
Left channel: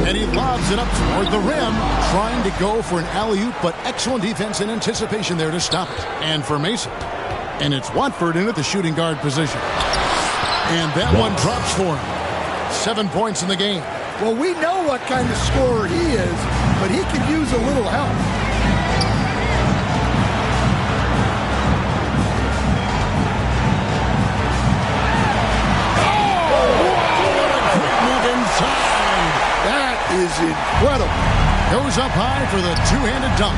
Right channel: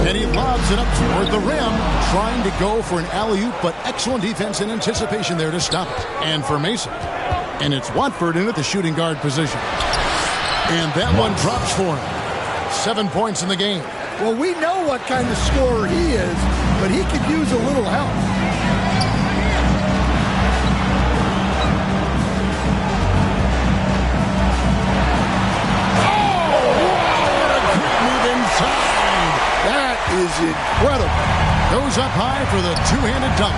And he lobs it up toward the rim, trying to go for an alley-oop, but excellent defense and anticipation there to stop it. And for Mason. And it's Watford in at the shooting guard position. And that one drops for him. 7 points in the game. Well, we know what kind of scorer he is, but he could use a little help. Oh, wow, what a great move inside. That is incredible. Goes up high for the two-handed dunk.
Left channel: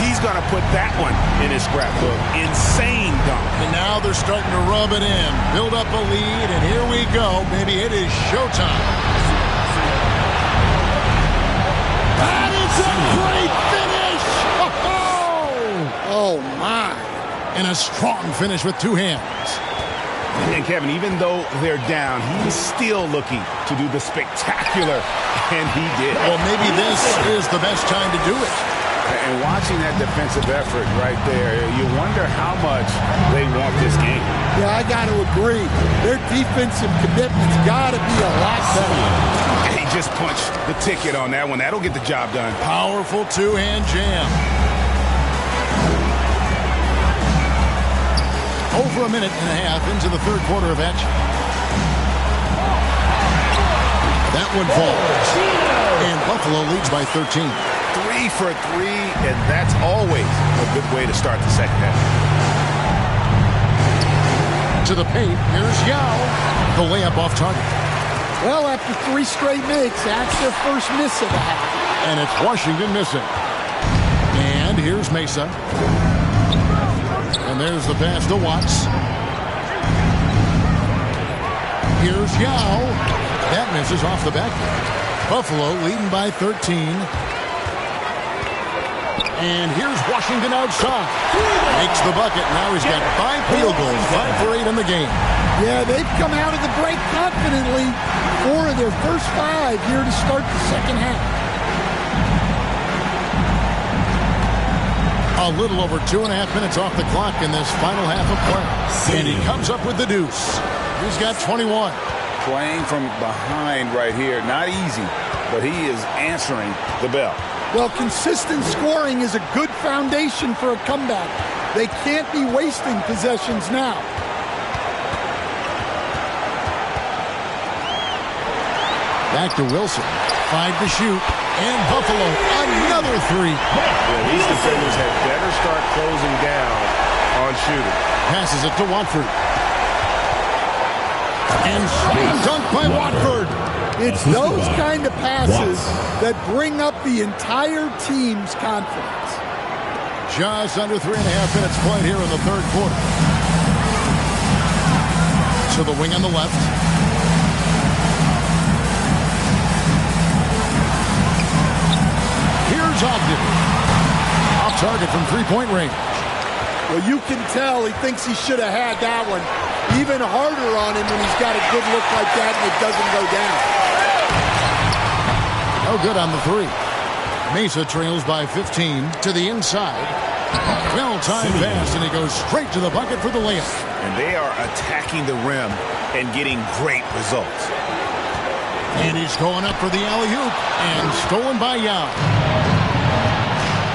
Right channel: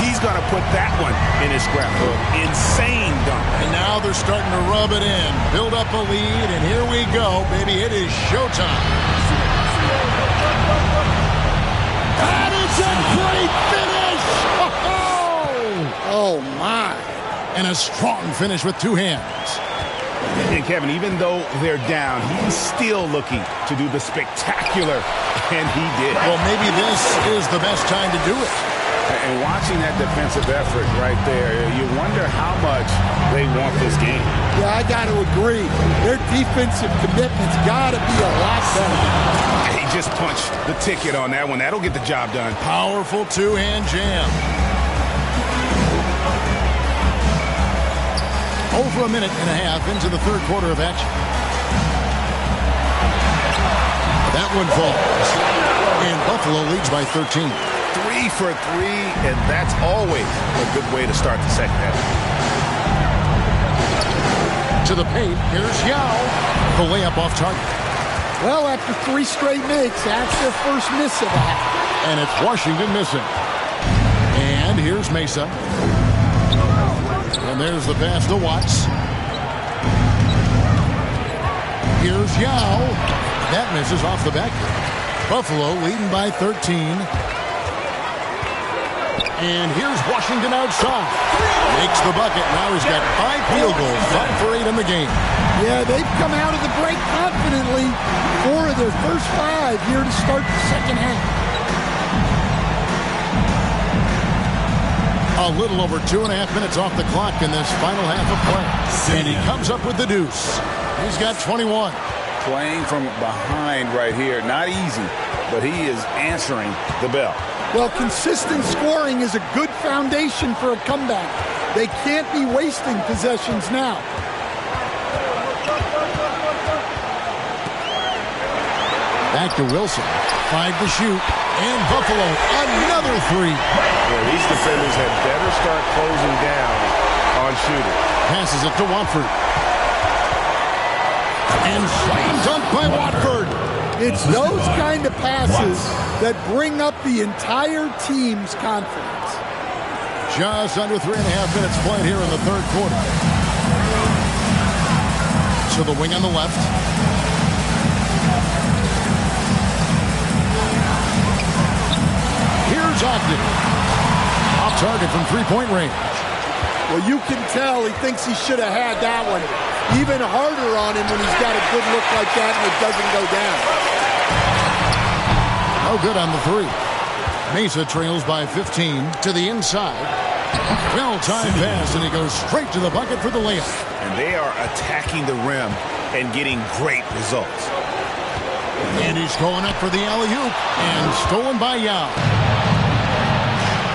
He's going to put that one in his scrapbook. Insane dunk. And now they're starting to rub it in. Build up a lead, and here we go, baby. It is showtime. That is a great finish! Oh, my. And a strong finish with two hands. And Kevin, even though they're down, he's still looking to do the spectacular, and he did. Well, maybe this is the best time to do it. And watching that defensive effort right there, you wonder how much they want this game. Yeah, I got to agree. Their defensive commitment's got to be a lot better. He just punched the ticket on that one. That'll get the job done. Powerful two-hand jam. Over a minute and a half into the third quarter of action. That one falls. And Buffalo leads by 13. 3 for 3, and that's always a good way to start the second half. To the paint, here's Yao. The layup off target. Well, after 3 straight makes, that's their first miss of the half. And it's Washington missing. And here's Mesa. And there's the pass to Watts. Here's Yao. That misses off the backboard. Buffalo leading by 13. And here's Washington outside. Makes the bucket. Now he's got 5 field goals, 5 for 8 in the game. Yeah, they've come out of the break confidently. 4 of their first 5 here to start the second half. A little over 2.5 minutes off the clock in this final half of play. And he comes up with the deuce. He's got 21. Playing from behind right here. Not easy, but he is answering the bell. Well, consistent scoring is a good foundation for a comeback. They can't be wasting possessions now. Back to Wilson. 5 to shoot. And Buffalo, another 3. Yeah, these defenders had better start closing down on shooters. Passes it to Watford. And slam dunk by Watford. It's those kind of passes that bring up the entire team's confidence. Just under 3.5 minutes played here in the third quarter. To the wing on the left. Here's Ogden. Off target from three-point range. Well, you can tell he thinks he should have had that one. Even harder on him when he's got a good look like that and it doesn't go down. No good on the 3. Mesa trails by 15 to the inside. Well-timed pass, and he goes straight to the bucket for the layup. And they are attacking the rim and getting great results. And he's going up for the alley-oop, and stolen by Yao.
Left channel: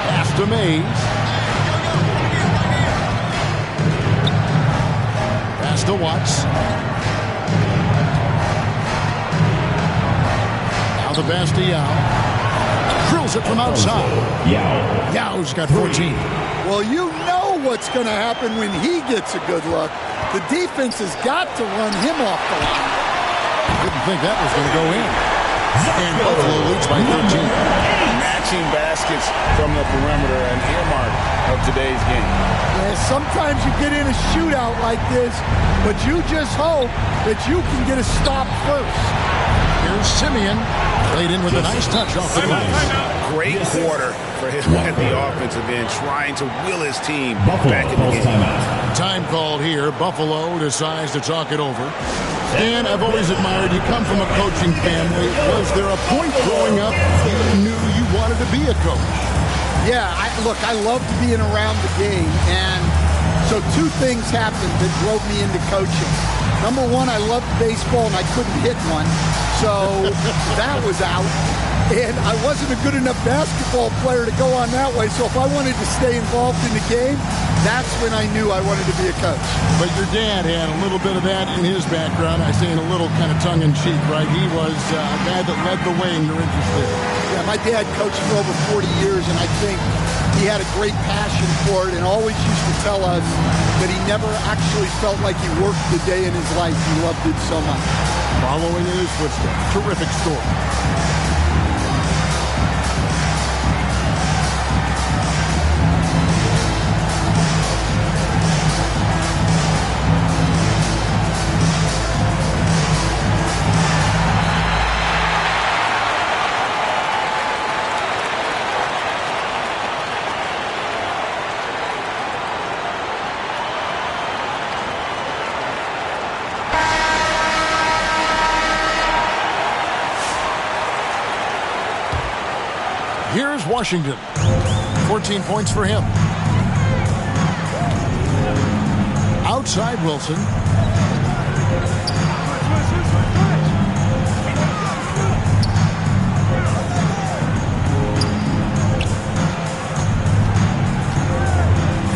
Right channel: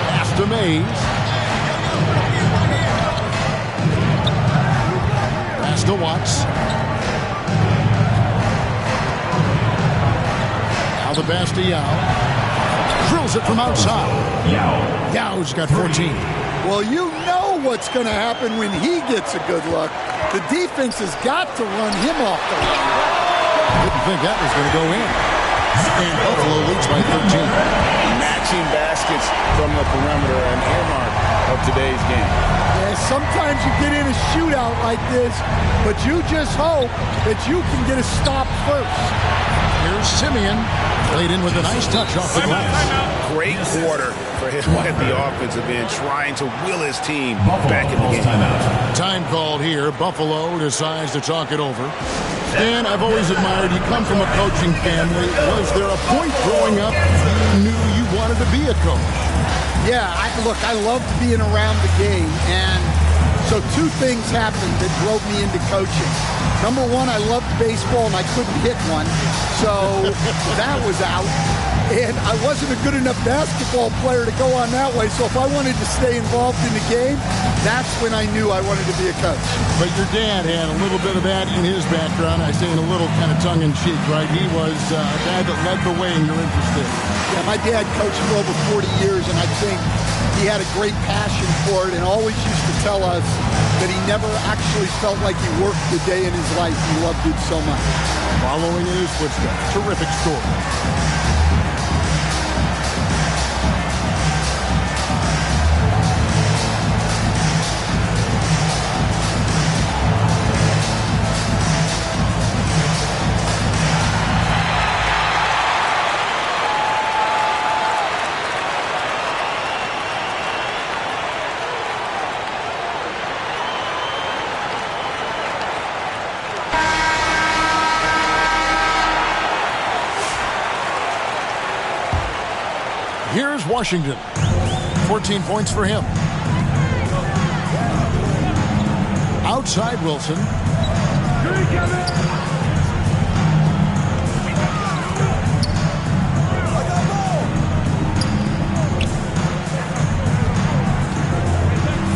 Pass to Mays. Pass to Watts. Now the pass to Yao. Drills it from outside. Yao's got 14. Well, you know what's going to happen when he gets a good look. The defense has got to run him off the line. Didn't think that was going to go in. And Buffalo leads by 13. Matching baskets from the perimeter, an earmark of today's game. Yeah, sometimes you get in a shootout like this, but you just hope that you can get a stop first. Here's Simeon. Played in with a nice touch off the glass. Great quarter for him at the offensive end, trying to will his team back in the game. Time called here. Buffalo decides to talk it over. Stan, I've always admired you. Come from a coaching family. Was there a point growing up you knew you wanted to be a coach? Yeah, I loved being around the game. And so 2 things happened that drove me into coaching. Number 1, I loved baseball and I couldn't hit one. So that was out. And I wasn't a good enough basketball player to go on that way. So if I wanted to stay involved in the game, that's when I knew I wanted to be a coach. But your dad had a little bit of that in his background. I say in a little kind of tongue-in-cheek, right? He was a guy that led the way in your interest there. Yeah, my dad coached for over 40 years, and I think he had a great passion for it and always used to tell us that he never actually felt like he worked a day in his life. He loved it so much. Following in his footsteps. Terrific story. Here's Washington. 14 points for him. Outside Wilson.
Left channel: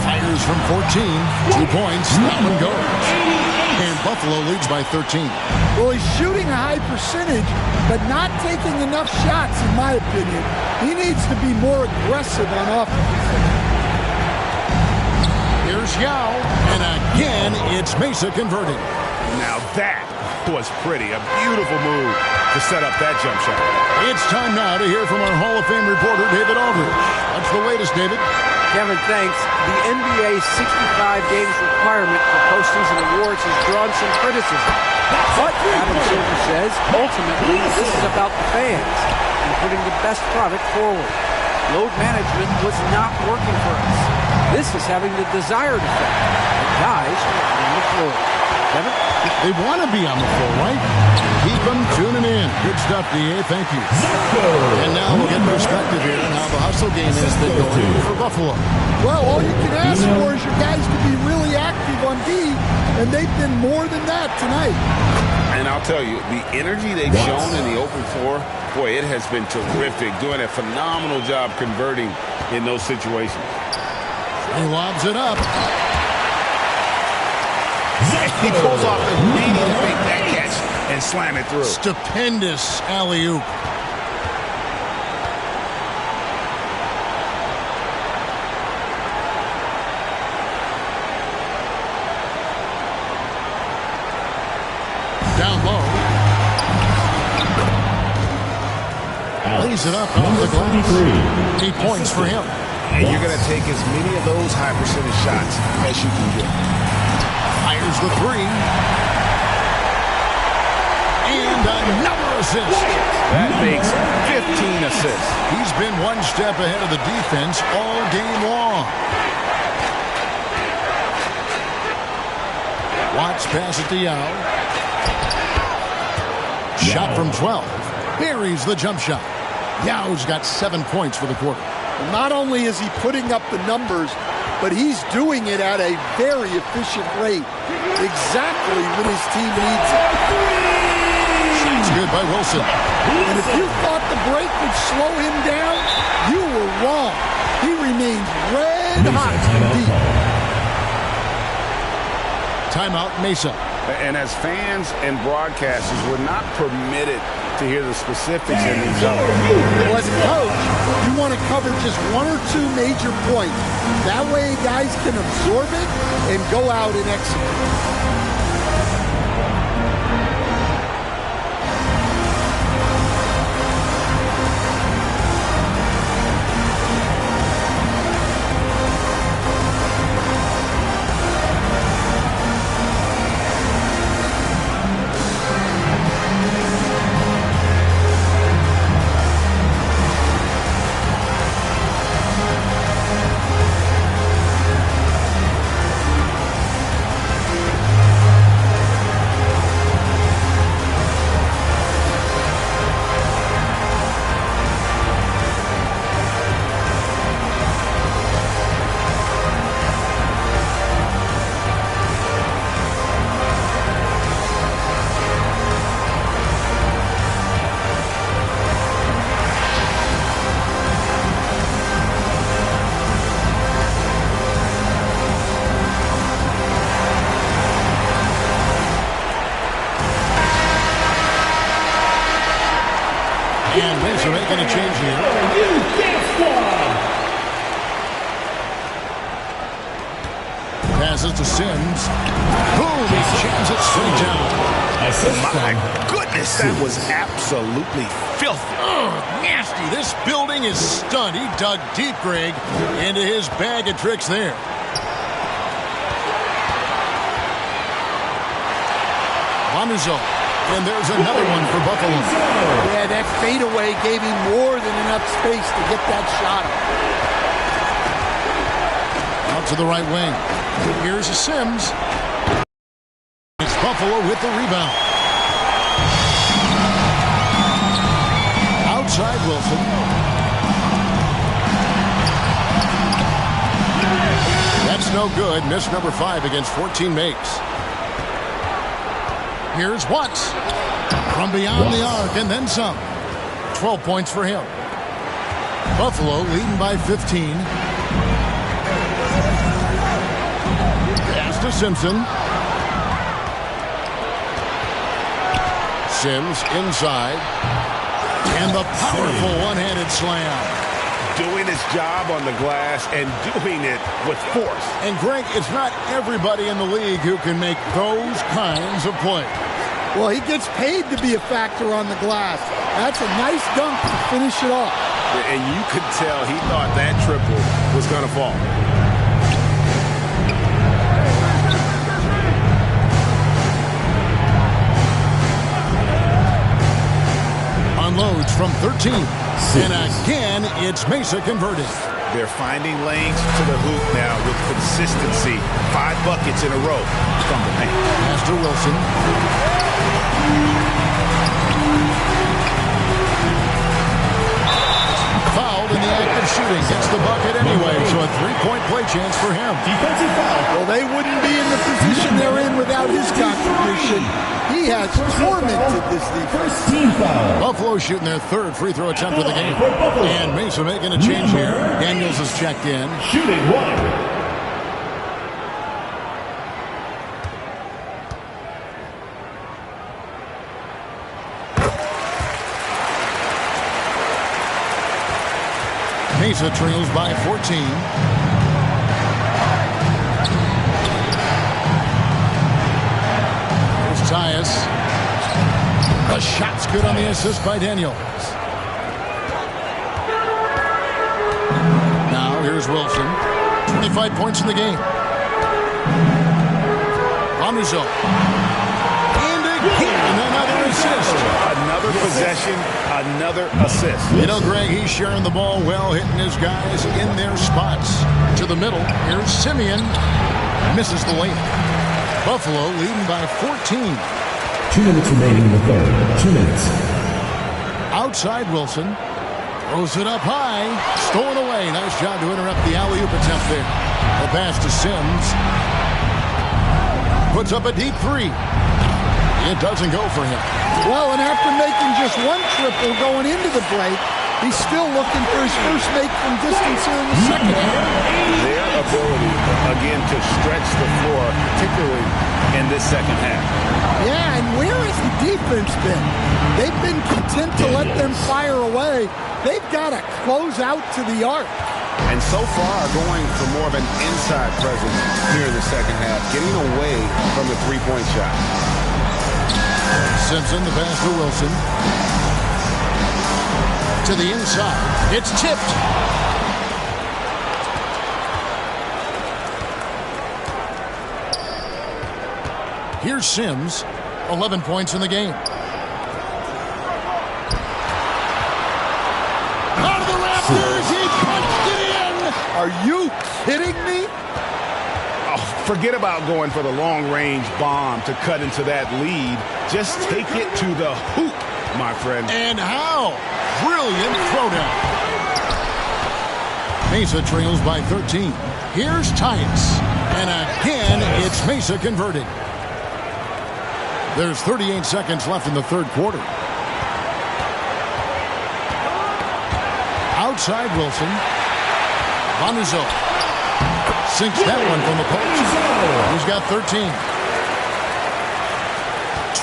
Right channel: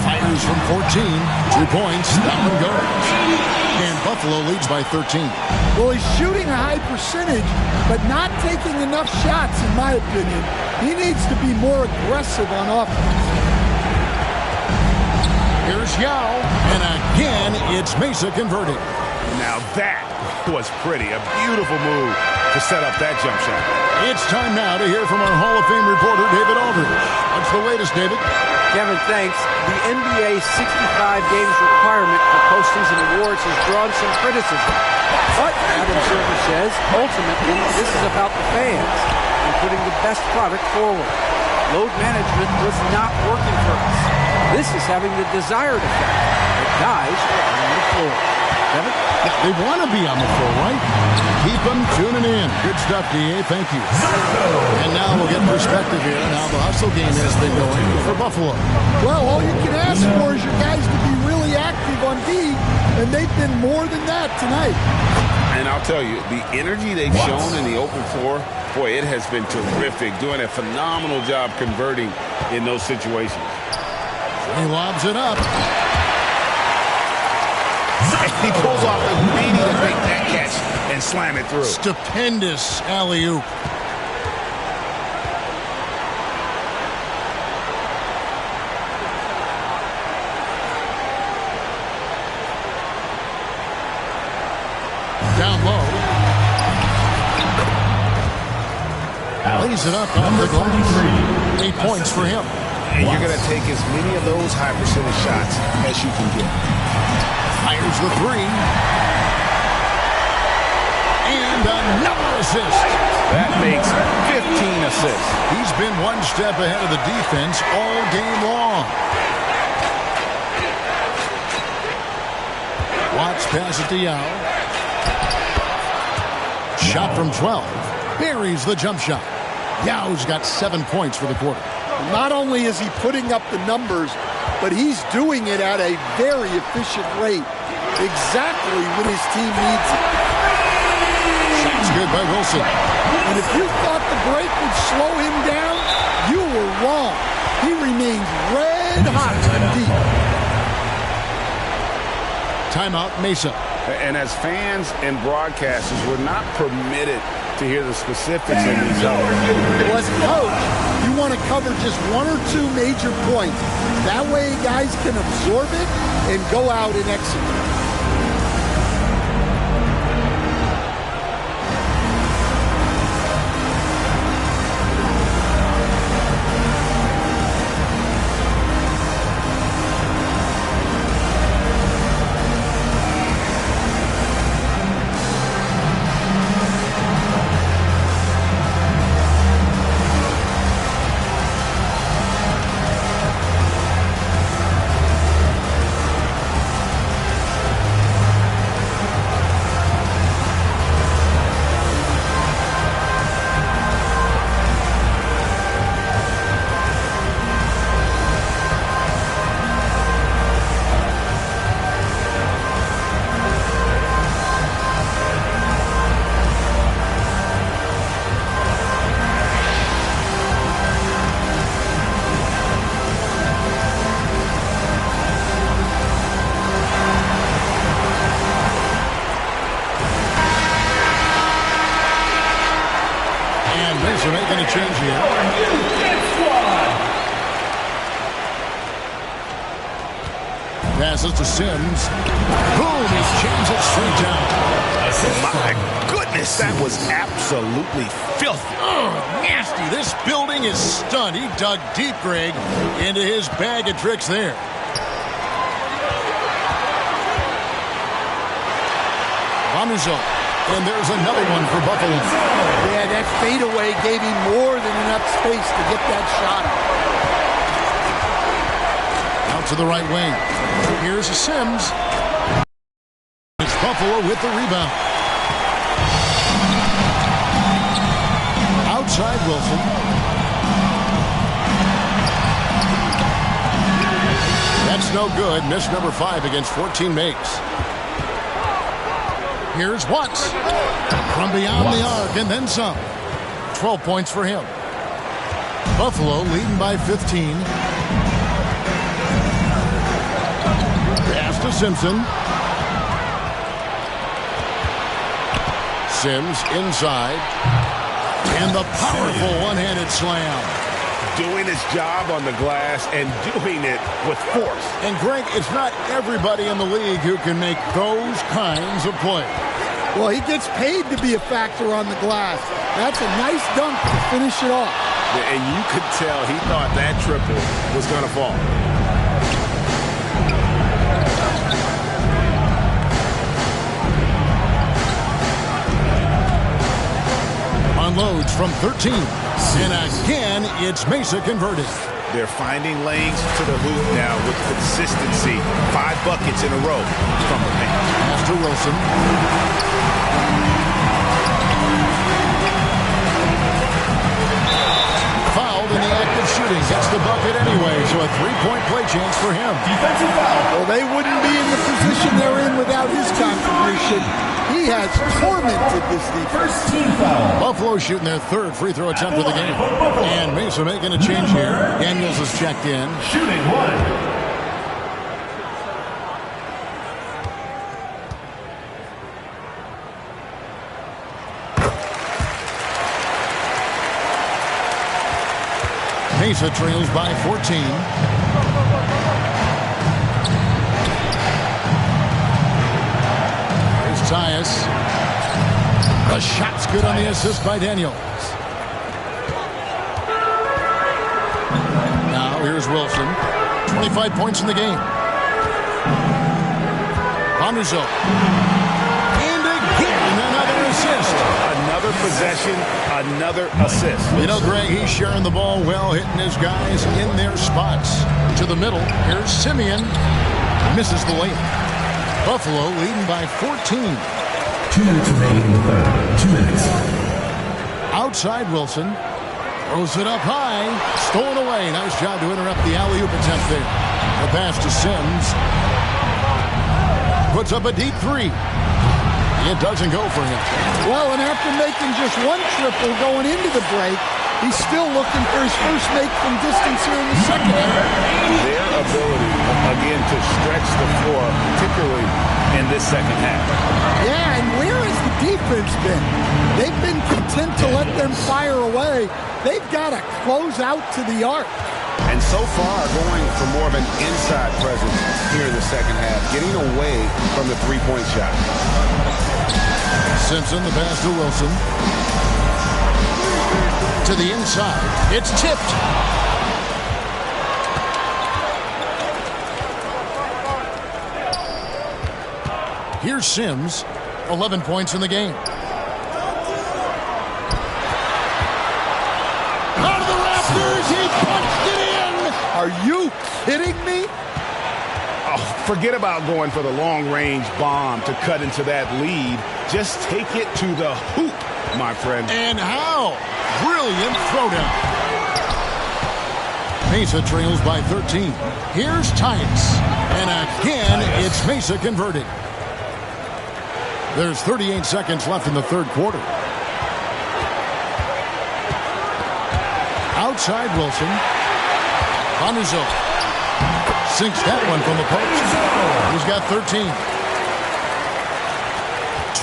Fires from 14. 2 points. That one goes. And Buffalo leads by 13. Well, he's shooting a high percentage, but not taking enough shots, in my opinion. He needs to be more aggressive on offense. Here's Yao, and again, it's Mesa converting. Now that was pretty. A beautiful move to set up that jump shot. It's time now to hear from our Hall of Fame reporter, David Aldridge. What's the latest, David? Kevin, thanks. The NBA's 65 games requirement for postings and awards has drawn some criticism. But, Adam Silver says, ultimately, this is about the fans and putting the best product forward. Load management was not working for us. This is having the desired effect, that guys are out on the floor. Kevin? They want to be on the floor, right? Keep them tuning in. Good stuff, D.A. Thank you. And now we'll get perspective here on how the hustle game has been going for Buffalo. Well, all you can ask for is your guys to be really active on D, and they've been more than that tonight. And I'll tell you, the energy they've shown in the open floor, boy, it has been terrific. Doing a phenomenal job converting in those situations. He lobs it up. He pulls off the Houdini to make that catch and slam it through. Stupendous alley-oop. Down low. Lays it up off the glass. 8 points for him. And you're going to take as many of those high percentage shots as you can get. Fires the three. And another assist. That makes 15 assists. He's been one step ahead of the defense all game long. Watts passes to Yao. Shot from 12. Buries the jump shot. Yao's got 7 points for the quarter. Not only is he putting up the numbers, but he's doing it at a very efficient rate. Exactly when his team needs it. Shot's good by Wilson. And if you thought the break would slow him down, you were wrong. He remains red hot from deep. Timeout, Mesa. And as fans and broadcasters, we're not permitted to hear the specifics in these zones. Well, as a coach, you want to cover just one or two major points. That way guys can absorb it and go out and execute. And Mesa making a change here. Passes to Sims. Boom! He jams it straight down. My goodness, that was absolutely filthy. Oh, nasty. This building is stunned. He dug deep, Greg, into his bag of tricks there. Vanuzo. And there's another one for Buffalo. Yeah, that fadeaway gave him more than enough space to get that shot off. Out to the right wing. Here's a Sims. It's Buffalo with the rebound. Outside Wilson. That's no good. Miss number 5 against 14 makes. Here's Watts from beyond the arc and then some. 12 points for him. Buffalo leading by 15. Pass to Simpson. Sims inside. And the powerful one-handed slam. Doing his job on the glass and doing it with force. And Greg, it's not everybody in the league who can make those kinds of plays. Well, he gets paid to be a factor on the glass. That's a nice dunk to finish it off. And you could tell he thought that triple was going to fall. Unloads from 13. And again, it's Mesa converted. They're finding lanes to the hoop now with consistency. 5 buckets in a row from the paint. Pass to Wilson. Fouled in the act of shooting. Gets the bucket anyway, so a 3-point play chance for him. Defensive foul. Well, they wouldn't be in the position they're in without his contribution. He has tormented this defense. First team foul. Buffalo shooting their 3rd free throw attempt of the game. And Mesa making a change here. Daniels has checked in. Shooting 1. Mesa trails by 14. Here's Tyus. The shot's good on the assist by Daniels. Now here's Wilson. 25 points in the game. Vanderzo. And again, another assist. Another possession, another assist. You know, Greg, he's sharing the ball well, hitting his guys in their spots. To the middle, here's Simeon. Misses the layup. Buffalo leading by 14. 2 minutes remaining in the third. 2 minutes. Outside Wilson. Throws it up high. Stolen away. Nice job to interrupt the alley-oop attempt there. The pass to Sims. Puts up a deep 3. It doesn't go for him. Well, and after making just 1 triple going into the break, he's still looking for his first make from distance here in the second half. Their ability, again, to stretch the floor, particularly in this second half. Yeah, and where has the defense been? They've been content to let them fire away. They've got to close out to the arc. And so far, going for more of an inside presence here in the second half, getting away from the three-point shot. Simpson, the pass to Wilson. To the inside. It's tipped. Here's Sims. 11 points in the game. Out of the rafters. He punched it in. Are you kidding me? Oh, forget about going for the long-range bomb to cut into that lead. Just take it to the hoop, my friend. And how? Brilliant throwdown. Mesa trails by 13. Here's Tyus. And again, it's Mesa converting. There's 38 seconds left in the third quarter. Outside Wilson. Vanderzo sinks that one from the post. He's got 13.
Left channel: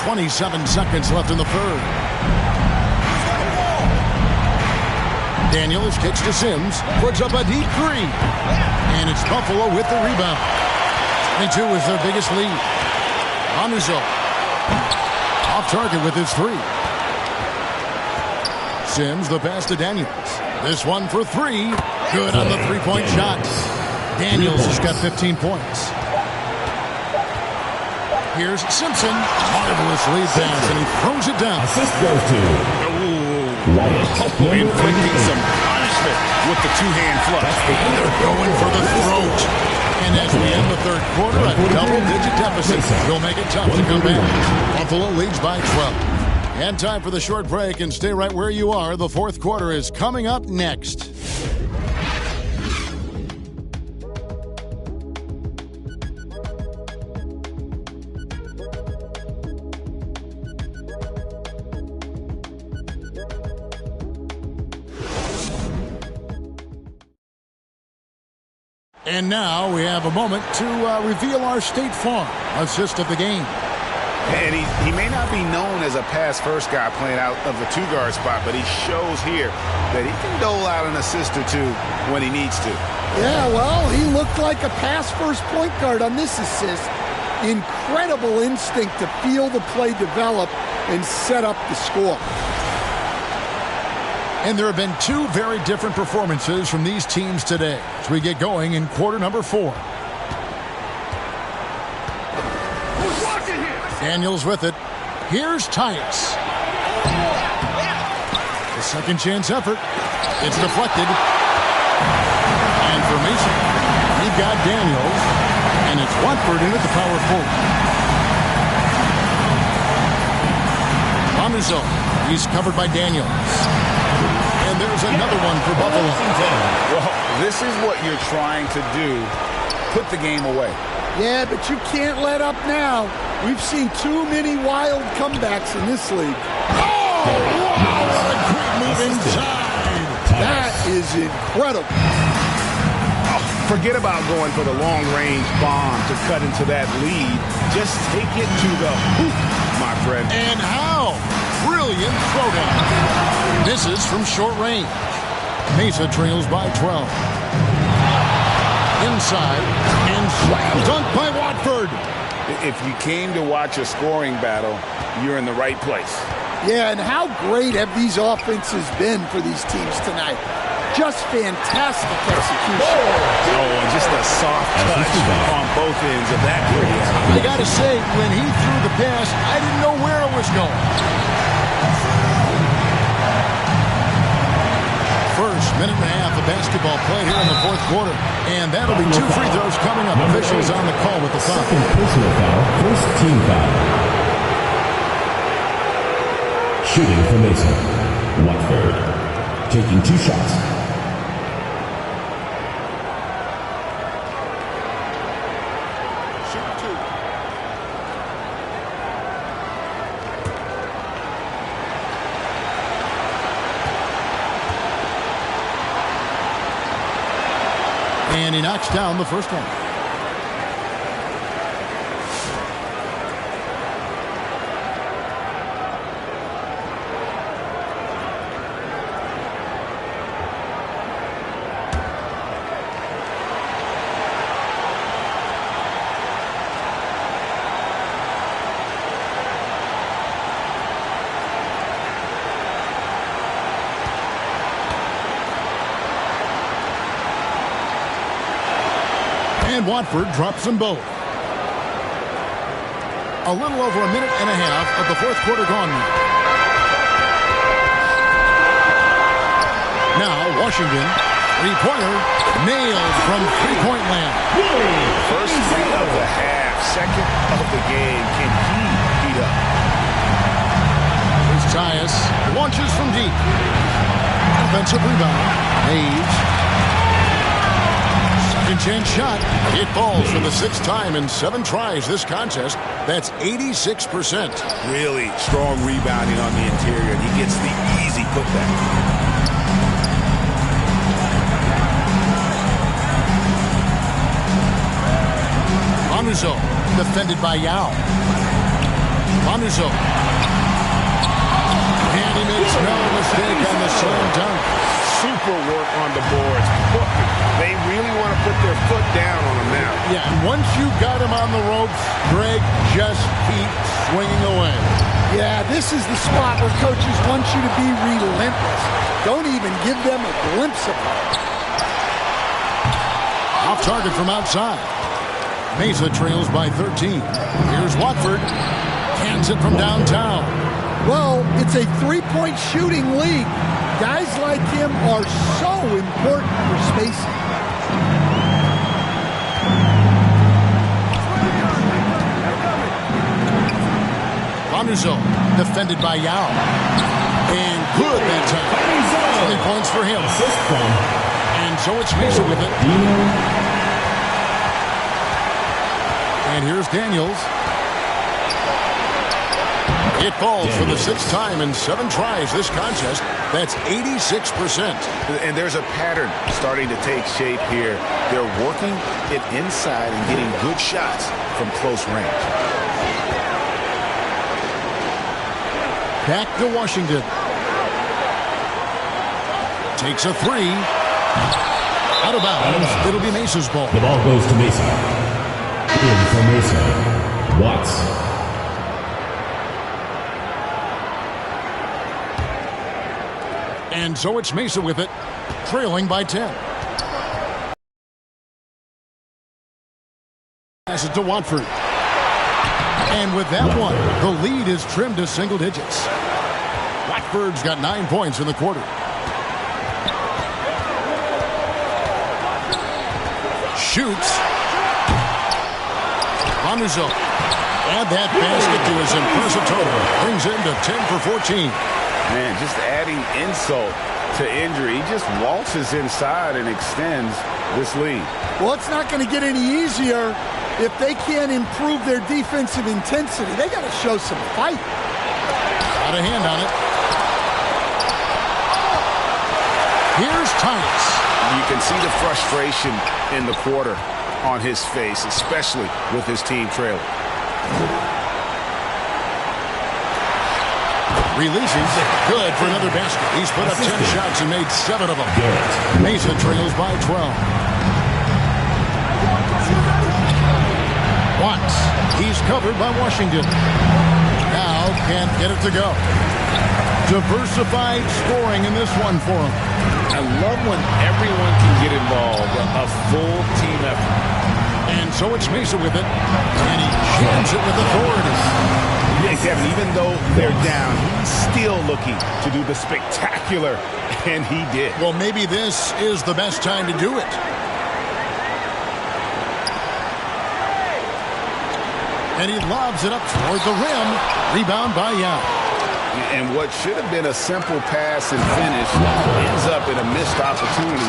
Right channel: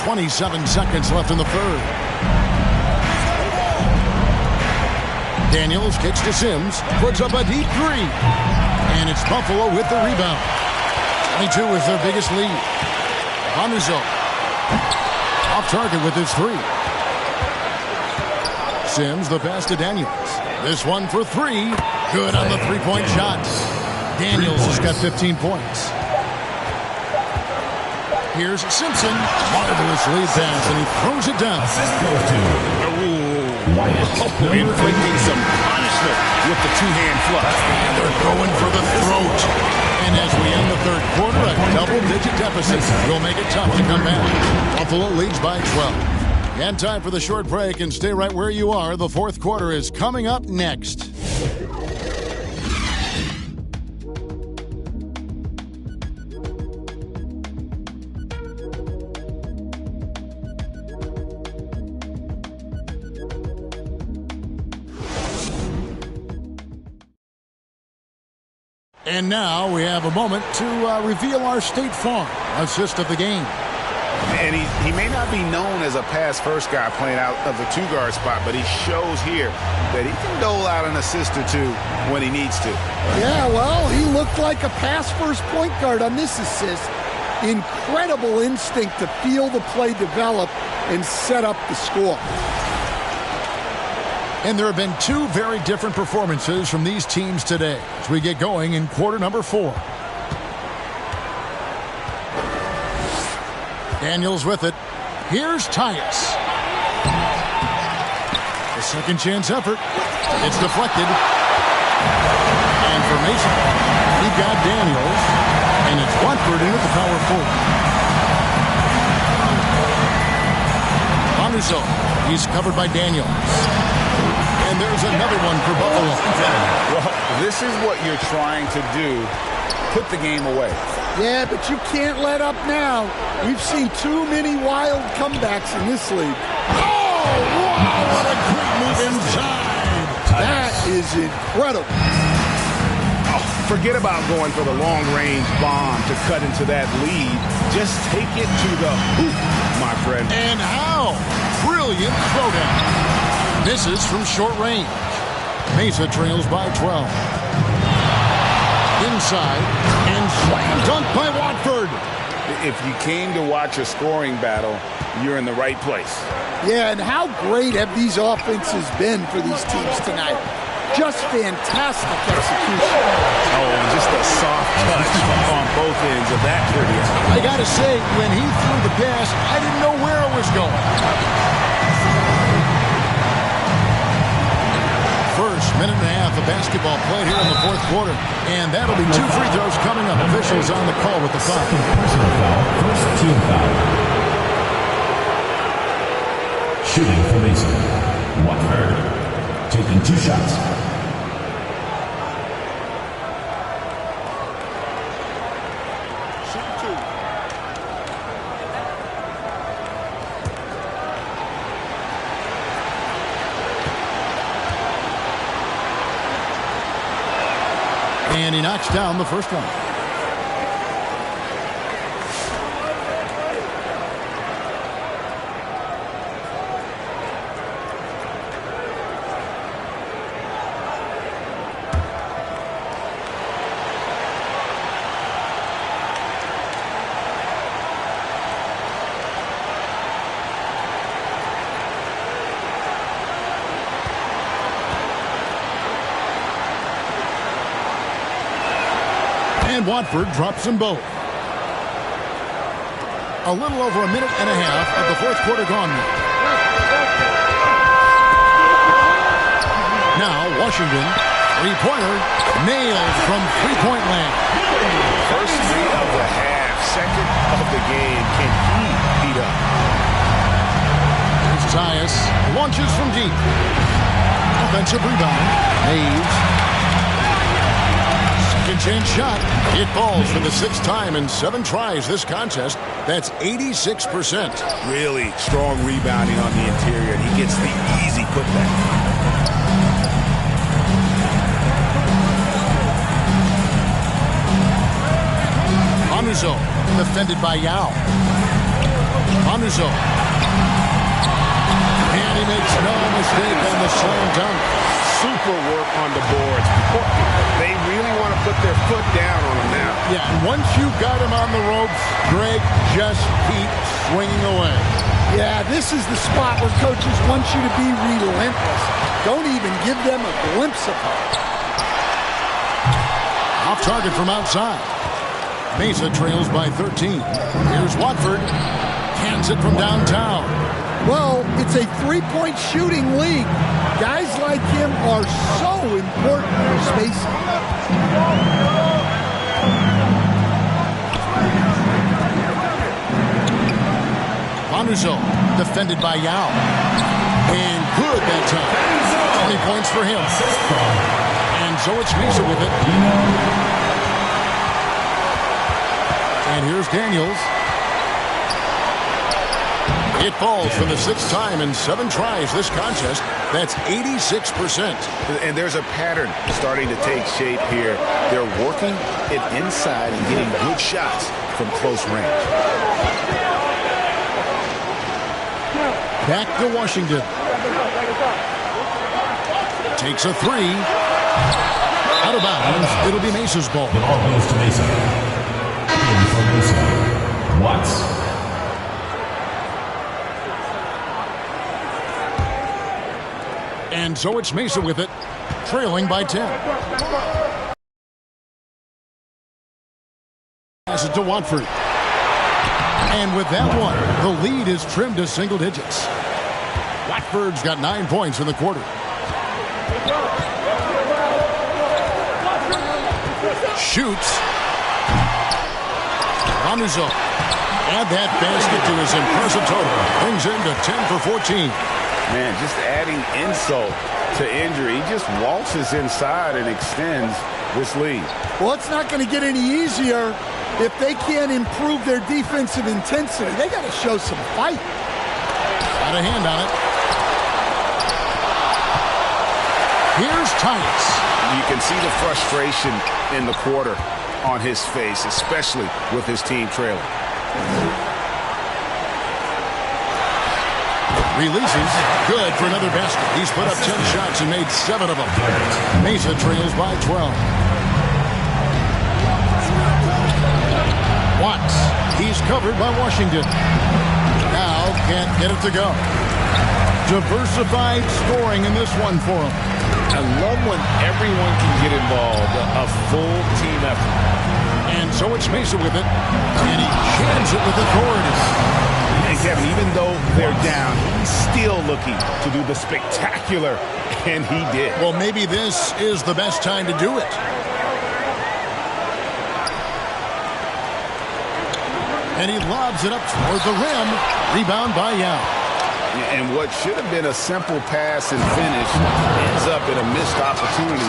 27 seconds left in the third. Daniels kicks to Sims. Puts up a deep 3. And it's Buffalo with the rebound. 22 is their biggest lead. Vanderzo off target with his 3. Sims, the pass to Daniels. This one for 3. Good on the three-point shot. Daniels has got 15 points. Here's Simpson. Marvelous lead pass, and he throws it down. Assist goes to Wyatt. Inflicting some punishment with the two-hand flush. They're going for the throat. And as we end the third quarter, a double-digit deficit will make it tough to come back. Buffalo leads by 12. And time for the short break, and stay right where you are. The fourth quarter is coming up next. And now we have a moment to reveal our State Farm assist of the game. And he may not be known as a pass-first guy playing out of the two-guard spot, but he shows here that he can dole out an assist or two when he needs to. Yeah, well, he looked like a pass-first point guard on this assist. Incredible instinct to feel the play develop and set up the score. And there have been two very different performances from these teams today as we get going in quarter number 4. Daniels with it. Here's Tyus. The second chance effort. It's deflected. And for Mason, we've got Daniels. And it's Watford in at the power forward. Bonuso. He's covered by Daniels. And there's another one for Buffalo. Well, this is what you're trying to do. Put the game away. Yeah, but you can't let up now. We've seen too many wild comebacks in this league. Oh, wow, what a great move inside. That is incredible. Oh, forget about going for the long-range bomb to cut into that lead. Just take it to the hoop, my friend. And how? Brilliant throwdown. Misses from short range. Mesa trails by 12. Inside, and slam dunk by Watford. If you came to watch a scoring battle, you're in the right place. Yeah, and how great have these offenses been for these teams tonight? Just fantastic execution. Oh, and just a soft touch on both ends of that pretty alley. I got to say, when he threw the pass, I didn't know where it was going. First minute and a half of basketball played here in the fourth quarter. And that'll be 2 free throws coming up. Officials on the call with the foul. Second personal foul, first team foul. Shooting for Mesa. Watford taking 2 shots. Shoot 2. And he knocks down the first one. And Watford drops them both. A little over a minute and a half of the fourth quarter gone now. Now Washington, three-pointer, nailed from three-point land. First 3 of the half, second of the game. Can he beat up? Here's Tyus, launches from deep. Offensive rebound, Hayes. Second chance shot. It falls for the 6th time in 7 tries this contest. That's 86%. Really strong rebounding on the interior, and he gets the easy putback. Bonuso, defended by Yao. Bonuso. And he makes no mistake on the slam dunk. Super work on the boards. They really want to put their foot down on him now. Yeah, and once you got him on the ropes, Greg, just keep swinging away. Yeah, this is the spot where coaches want you to be relentless. Don't even give them a glimpse of hope. Off target from outside. Mesa trails by 13. Here's Watford. Cans it from downtown. Well, it's a three-point shooting league. Guys like him are so important for spacing. Bonuso, defended by Yao. And good that time. 20 points for him. And so it's Mesa with it. And here's Daniels. It falls for the 6th time in 7 tries this contest. That's 86%. And there's a pattern starting to take shape here. They're working it inside and getting good shots from close range. Back to Washington. Takes a three. Out of bounds. It'll be Mesa's ball. The ball goes to Mesa. In for Mesa. Watts. And so it's Mesa with it, trailing by 10. Pass it to Watford. And with that one, the lead is trimmed to single digits. Watford's got 9 points in the quarter. Shoots. Van der Zalm. Add that basket to his impressive total. Brings him to 10 for 14. Man, just adding insult to injury. He just waltzes inside and extends this lead. Well, it's not going to get any easier if they can't improve their defensive intensity. They got to show some fight. Got a hand on it. Here's Tyus. You can see the frustration in the quarter on his face, especially with his team trailing. Releases. Good for another basket. He's put up 10 shots and made 7 of them. Mesa trails by 12. Watts. He's covered by Washington. Now can't get it to go. Diversified scoring in this one for him. I love when everyone can get involved, a full team effort. And so it's Mesa with it, and he jams it with authority. Hey, Kevin, even though they're down, he's still looking to do the spectacular, and he did. Well, maybe this is the best time to do it. And he lobs it up toward the rim. Rebound by Yao. And what should have been a simple pass and finish ends up in a missed opportunity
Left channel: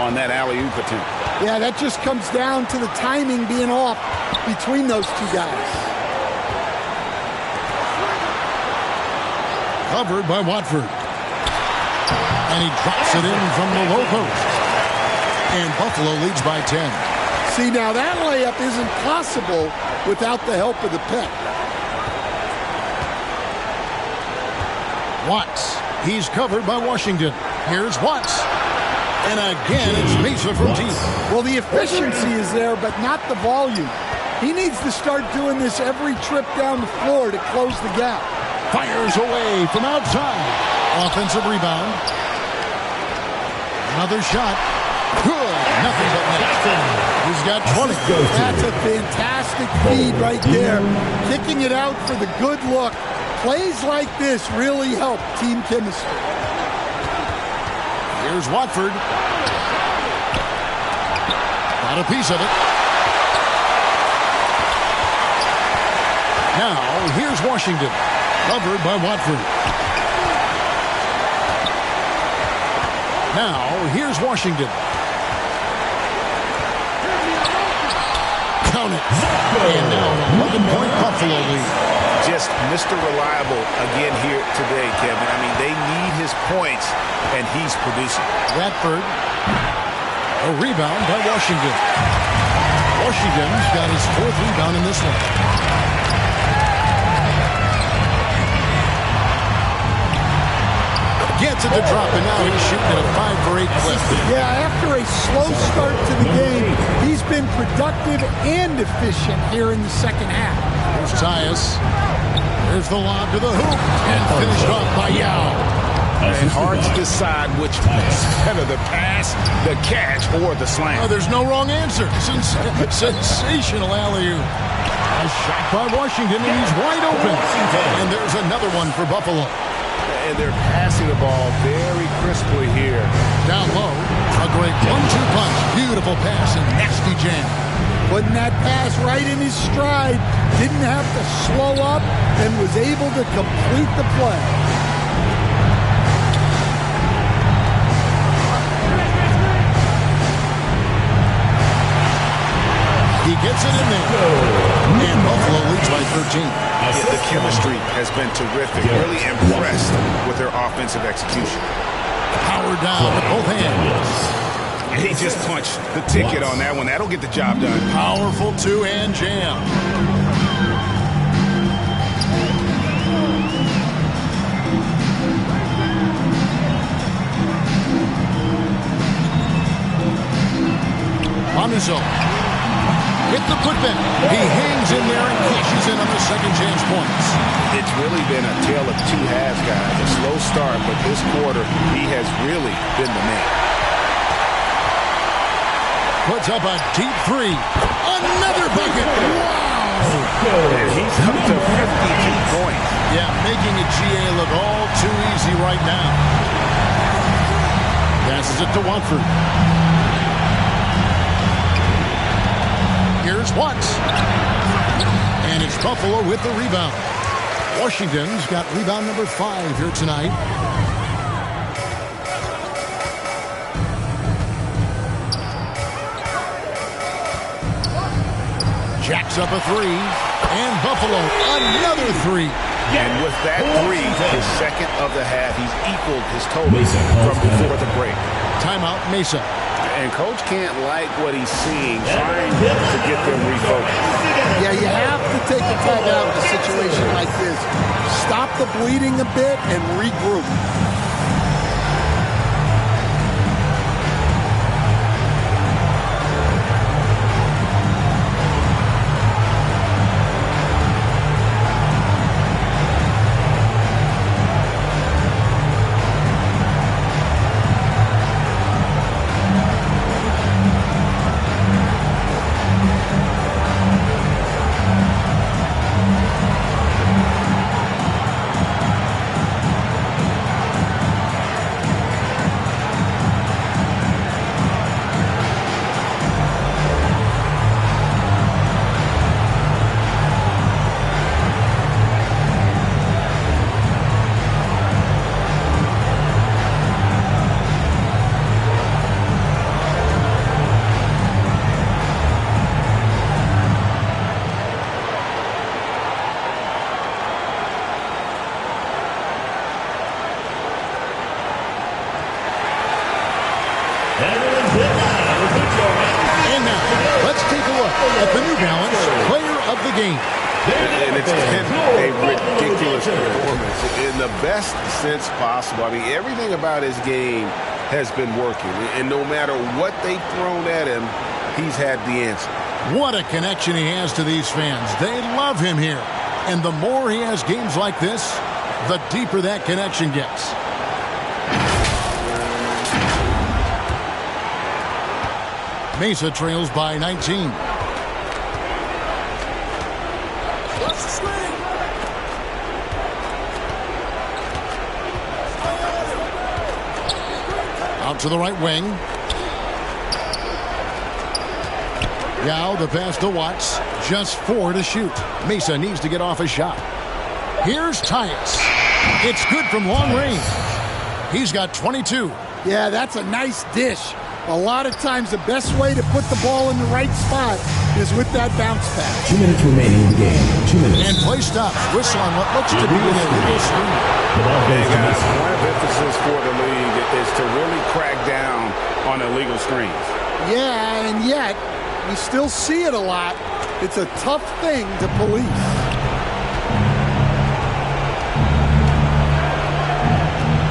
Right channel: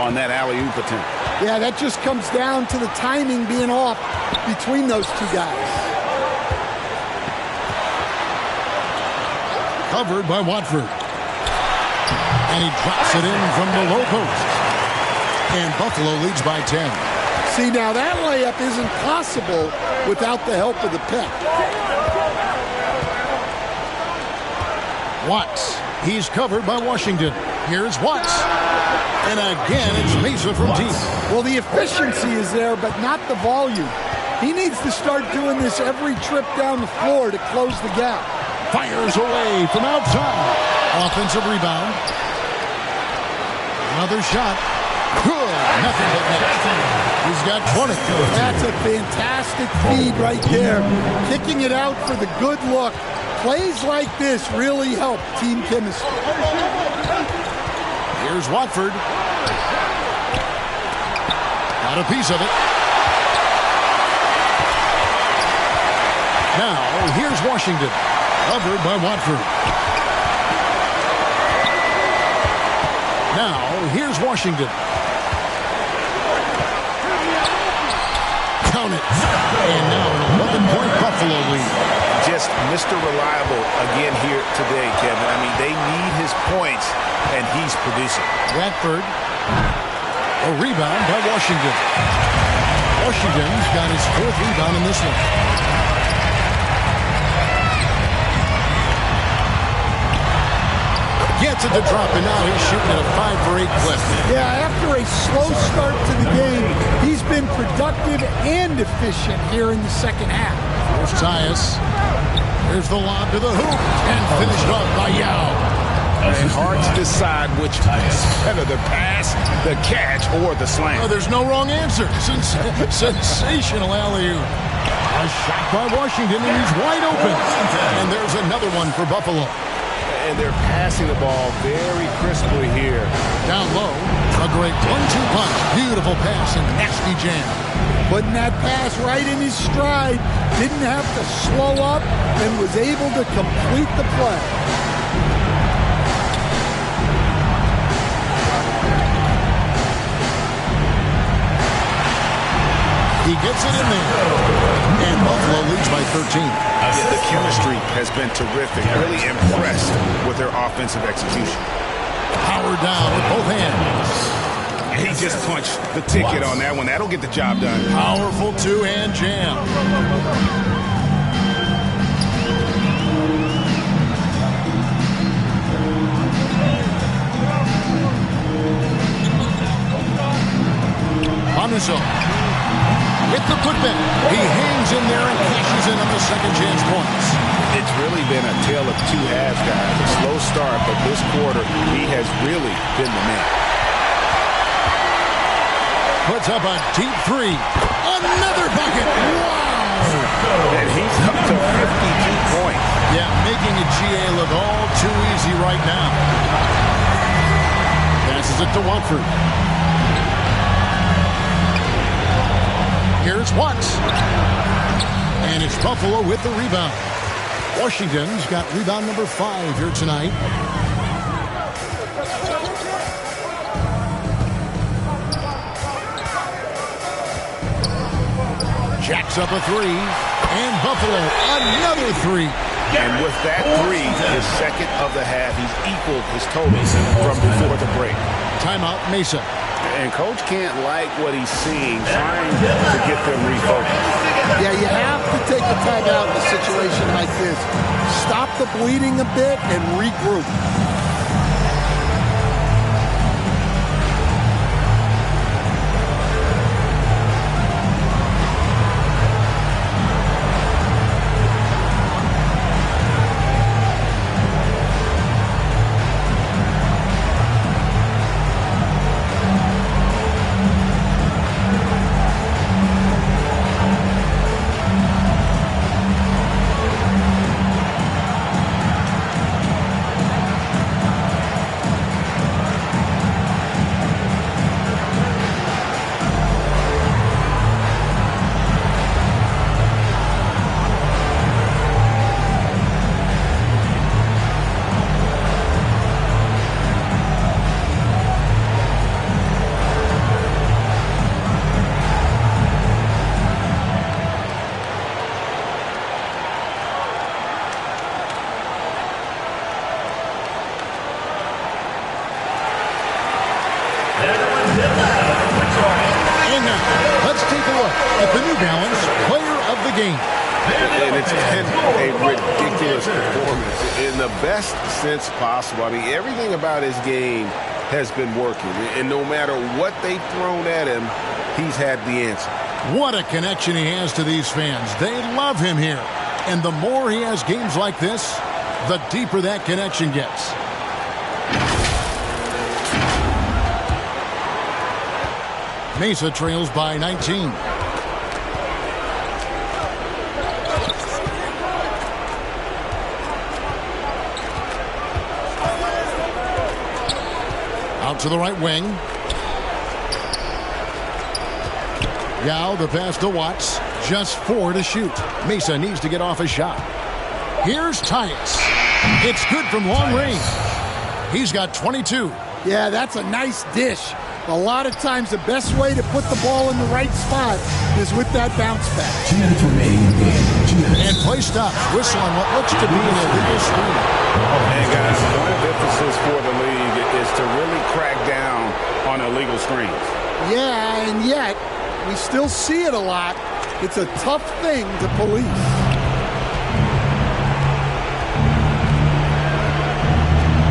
on that alley-oop attempt. Yeah, that just comes down to the timing being off between those two guys. Covered by Watford. And he drops it in from the low post. And Buffalo leads by 10. See, now that layup isn't possible without the help of the pick. Watts. He's covered by Washington. Here's Watts. And again, it's Mesa from deep. Well, the efficiency is there, but not the volume. He needs to start doing this every trip down the floor to close the gap. Fires away from outside. Offensive rebound. Another shot. Good. Nothing but net. He's got 20. That's a fantastic feed right there. Kicking it out for the good look. Plays like this really help team chemistry. Here's Watford. Got a piece of it. Now, here's Washington. Covered by Watford. Now, here's Washington. Count it. And now an 11-point Buffalo lead. Just Mr. Reliable again here today, Kevin. I mean, they need his points, and he's producing. Watford. A rebound by Washington. Washington's got his 4th rebound in this one. Gets it to drop, and now he's shooting at a 5 for 8 clip. Yeah, after a slow start to the game, he's been productive and efficient here in the second half. There's Tyus. There's the lob to the hoop, and finished off by Yao. And hard to decide which is better, the pass, the catch, or the slam. Oh, there's no wrong answer. Sensational alley-oop. A shot by Washington, and he's wide open. And there's another one for Buffalo. And they're passing the ball very crisply here. Down low, a great 1-2 punch. Beautiful pass and nasty jam. Putting that pass right in his stride. Didn't have to slow up and was able to complete the play. He gets it in there. And Buffalo leads by 13. Yeah, the chemistry has been terrific. Really impressed with their offensive execution. Power down with both hands. He just punched the ticket on that one. That'll get the job done. Powerful two-hand jam. Manuzo with the putback. He hangs in there and cashes in on the second chance points. It's really been a tale of two halves, guys. A slow start, but this quarter, he has really been the man. Puts up a deep three. Another bucket. Wow. And he's up to 52 points. Yeah, making a GA look all too easy right now. Passes it to Watford. Here's Watts. And it's Buffalo with the rebound. Washington's got rebound number 5 here tonight. Jacks up a three. And Buffalo, another three. And with that three, his second of the half, he's equaled his total from before the break. Timeout, Mesa. And Coach can't like what he's seeing, trying to get them refocused. Yeah, you have to take a timeout in a situation like this. Stop the bleeding a bit and regroup. And now, let's take a look at the New Balance Player of the Game. And it's been a ridiculous performance in the best sense possible. I mean, everything about his game has been working. And no matter what they've thrown at him, he's had the answer. What a connection he has to these fans. They love him here. And the more he has games like this, the deeper that connection gets. Mesa trails by 19. Out to the right wing. Yao, the pass to Watts. Just 4 to shoot. Mesa needs to get off a shot. Here's Tyus. It's good from long range. He's got 22. Yeah, that's a nice dish. A lot of times the best way to put the ball in the right spot is with that bounce pass. 2 minutes remaining in the game. 2 minutes. And play stops. Whistle on what looks to be an illegal screen. And guys, point of emphasis for the league is to really crack down on illegal screens. Yeah, and yet we still see it a lot. It's a tough thing to police.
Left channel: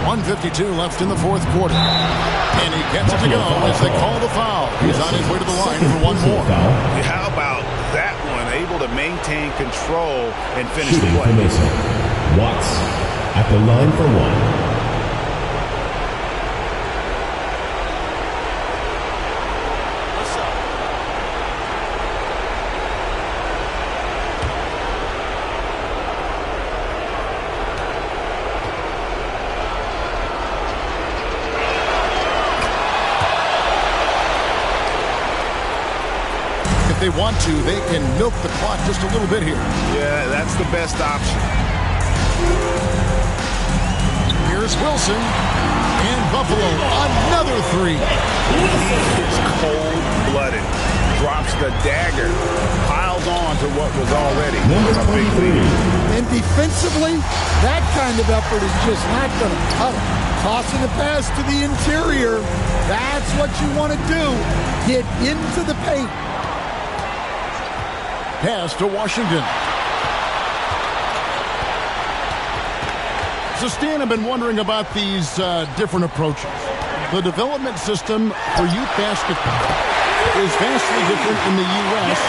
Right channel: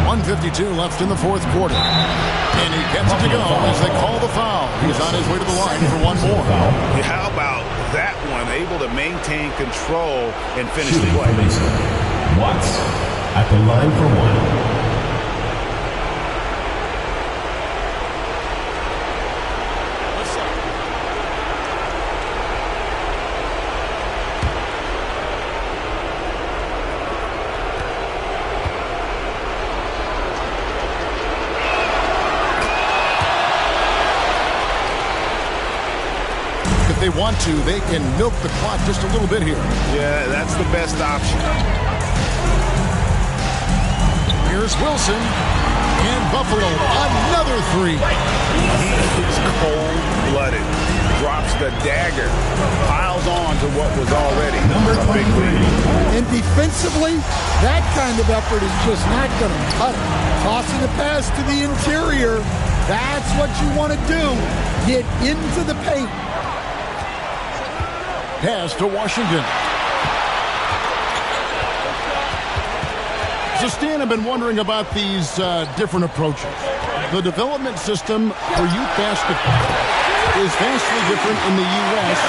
.152 left in the fourth quarter. And he gets it to go as they call the foul. He's on his way to the line for one more. How about that one? Able to maintain control and finish the play. Watts at the line for one. If they want to, they can milk the clock just a little bit here. Yeah, that's the best option. Here's Wilson. And Buffalo, another three. He is cold-blooded. Drops the dagger. Piles on to what was already a big lead. And defensively, that kind of effort is just not going to cut it. Tossing a pass to the interior. That's what you want to do. Get into the paint. Pass to Washington. So, Stan, I've been wondering about these different approaches. The development system for youth basketball is vastly different in the U.S.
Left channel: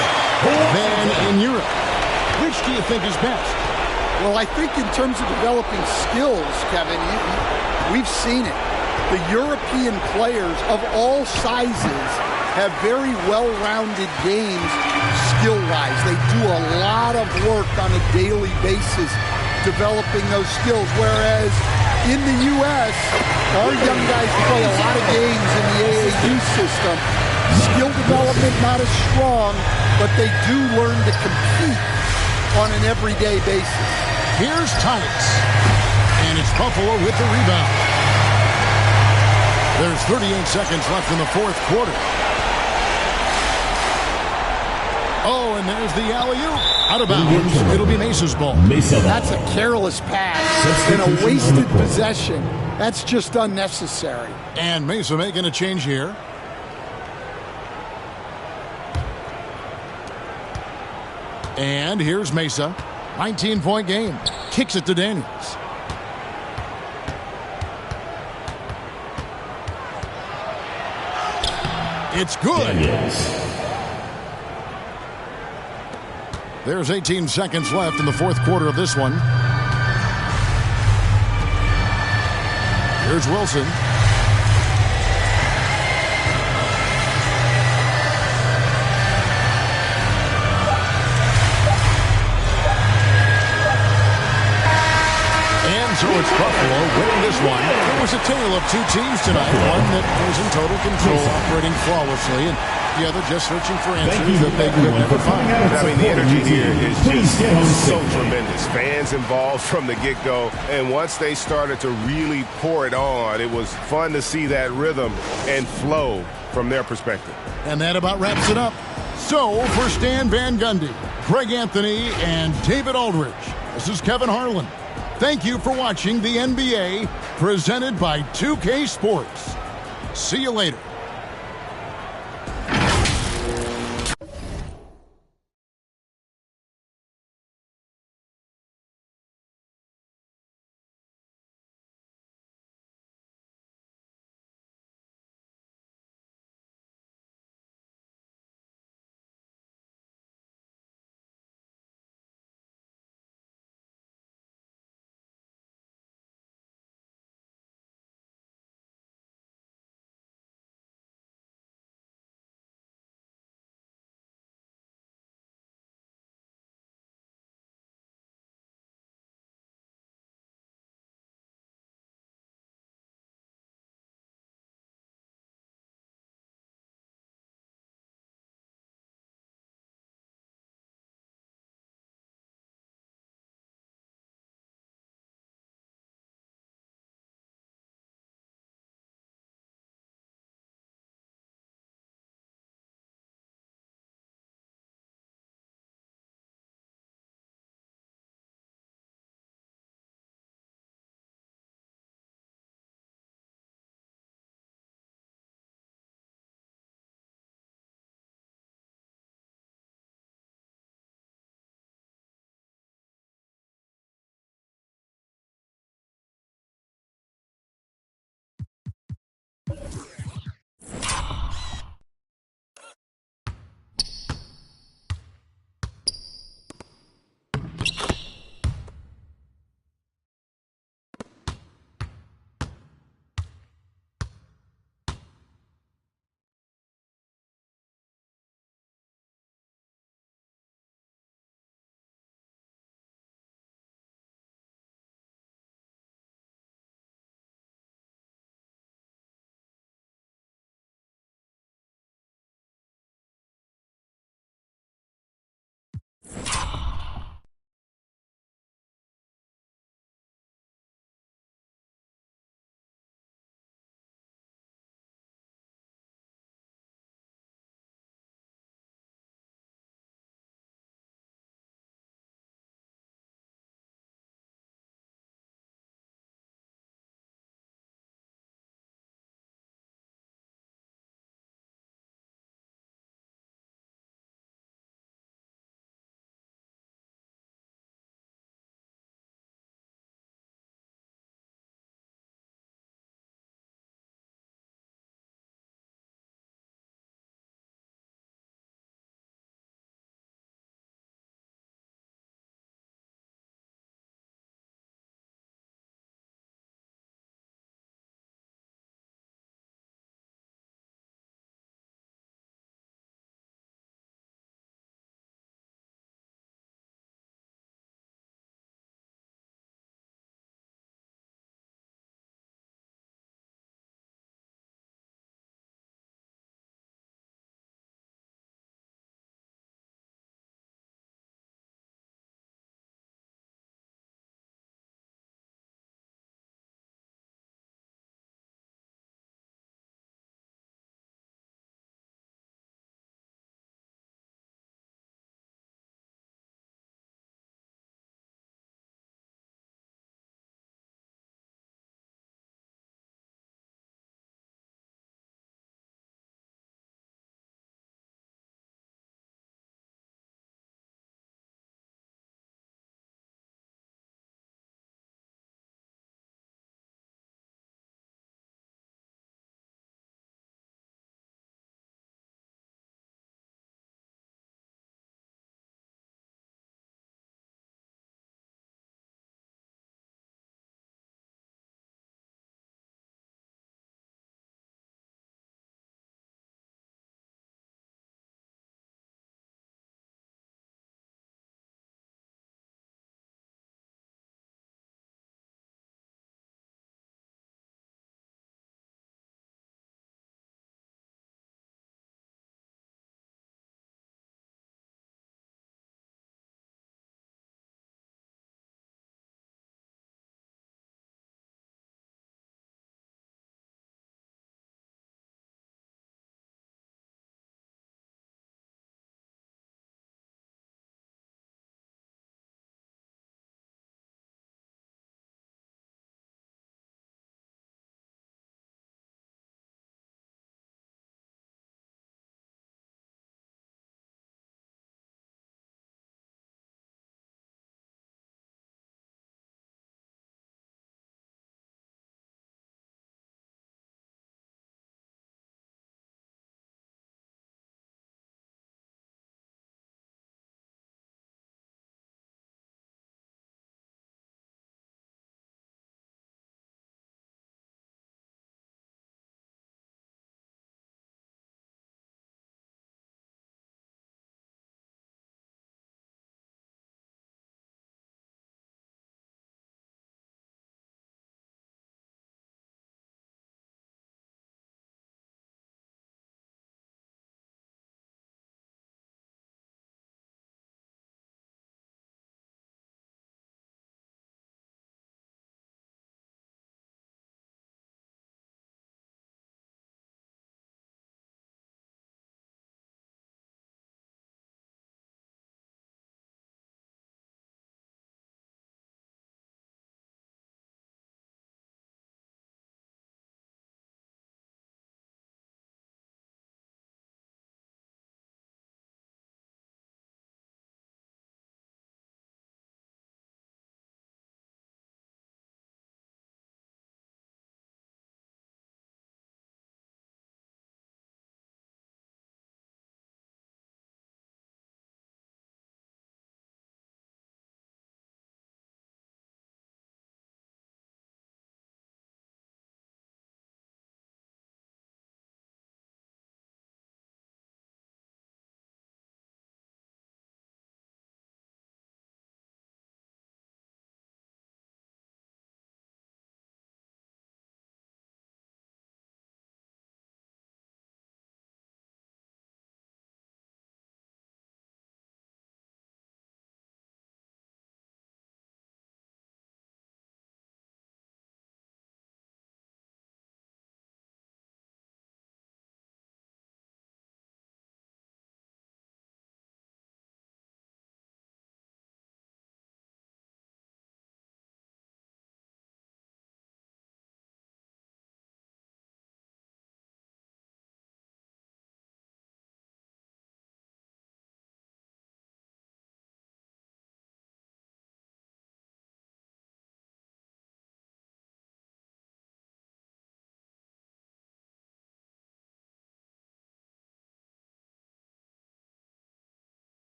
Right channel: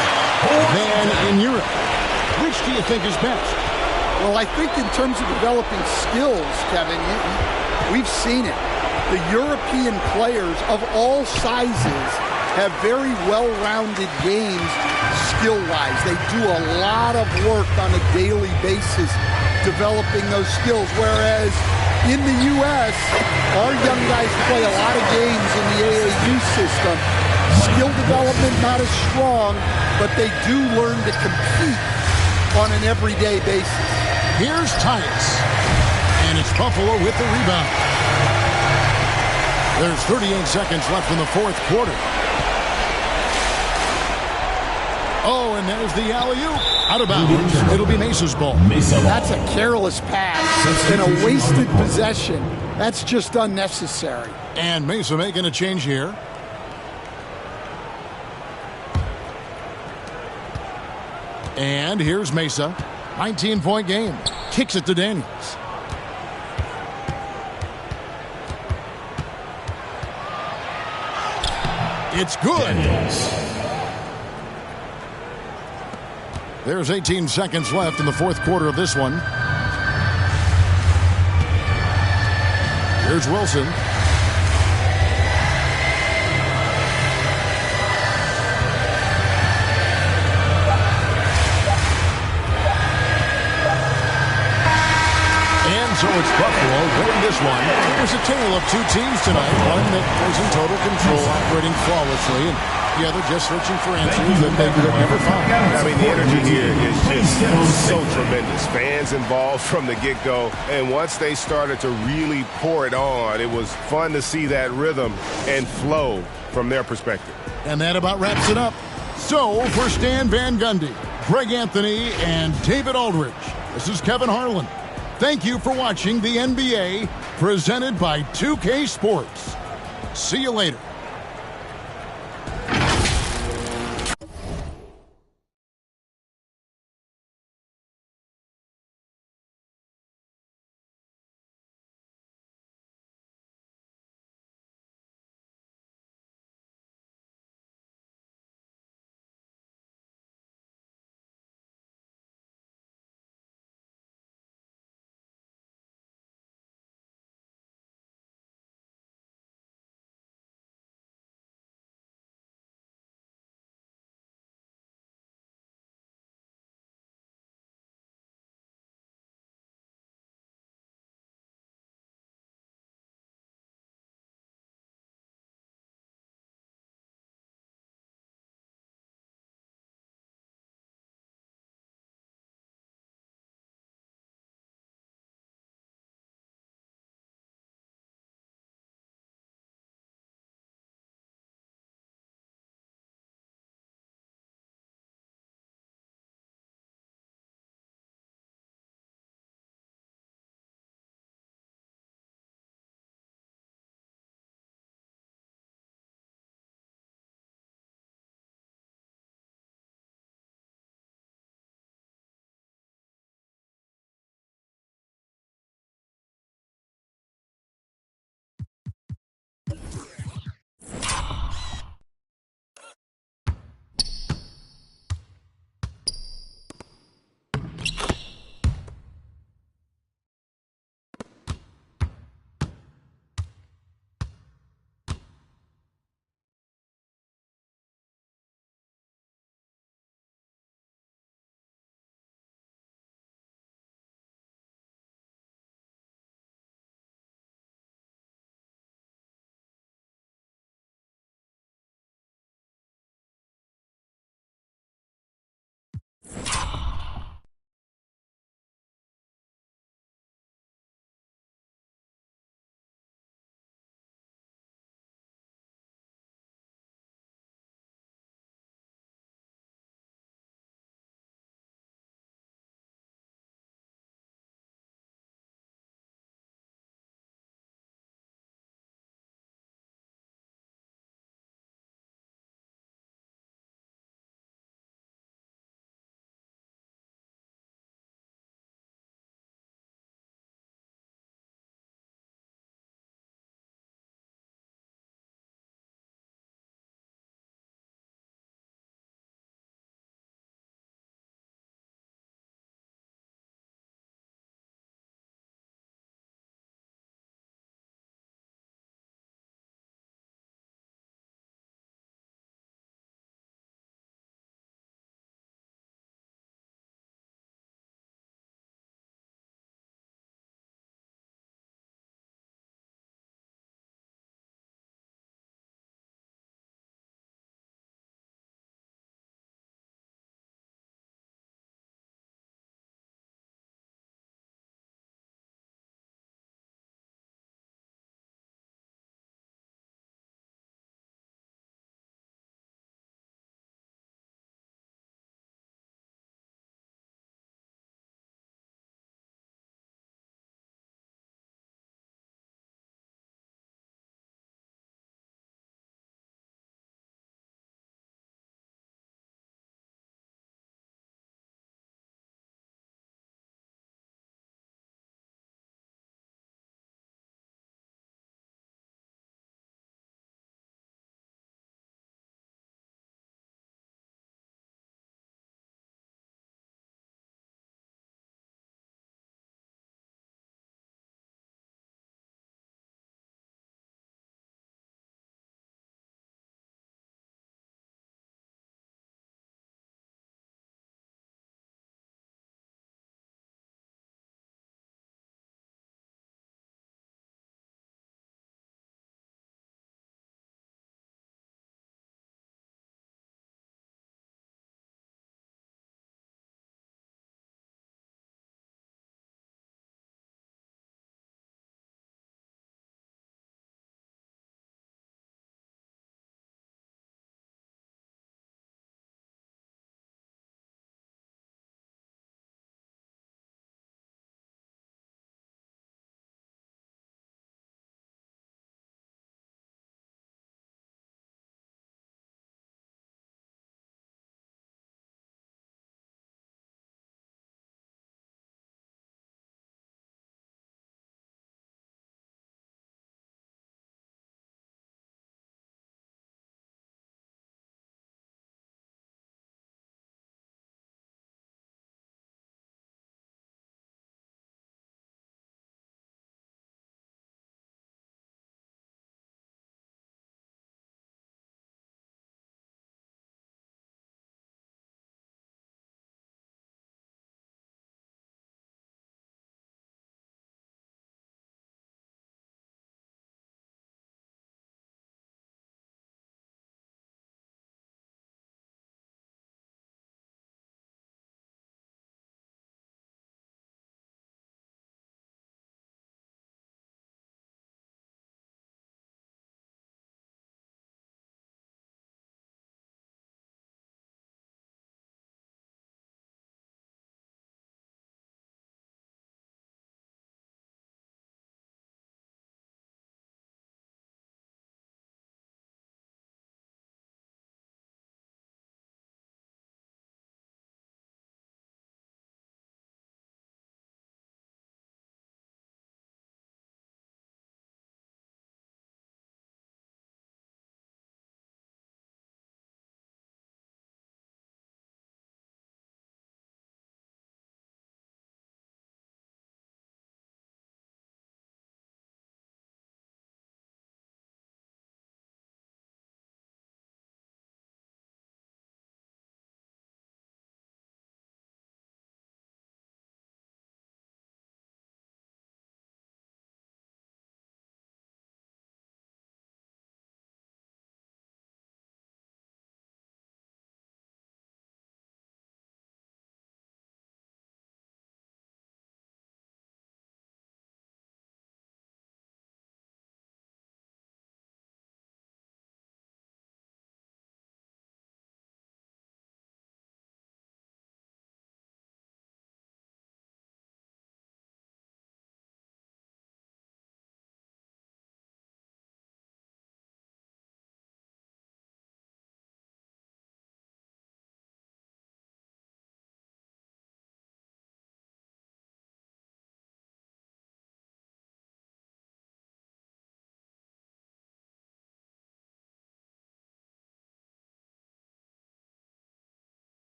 than in Europe. Which do you think is best? Well, I think in terms of developing skills, Kevin, we've seen it. The European players of all sizes have very well-rounded games skill-wise. They do a lot of work on a daily basis developing those skills, whereas in the U.S., our young guys play a lot of games in the AAU system. Skill development not as strong, but they do learn to compete on an everyday basis. Here's Tice, and it's Buffalo with the rebound. There's 38 seconds left in the fourth quarter. Oh, and there's the alley-oop. Out of bounds. It'll be Mesa's ball. That's a careless pass and a wasted possession. That's just unnecessary. And Mesa making a change here. And here's Mesa. 19-point game. Kicks it to Daniels. It's good. There's 18 seconds left in the fourth quarter of this one. Here's Wilson. And so it's Buffalo winning this one. It was a tale of two teams tonight. One that was in total control, operating flawlessly, and the other just searching for answers that they could never find. I mean, the energy here is just so tremendous. Fans involved from the get-go, and once they started to really pour it on, it was fun to see that rhythm and flow from their perspective. And that about wraps it up. So, for Stan Van Gundy, Greg Anthony, and David Aldridge, this is Kevin Harlan. Thank you for watching the NBA, presented by 2K Sports. See you later.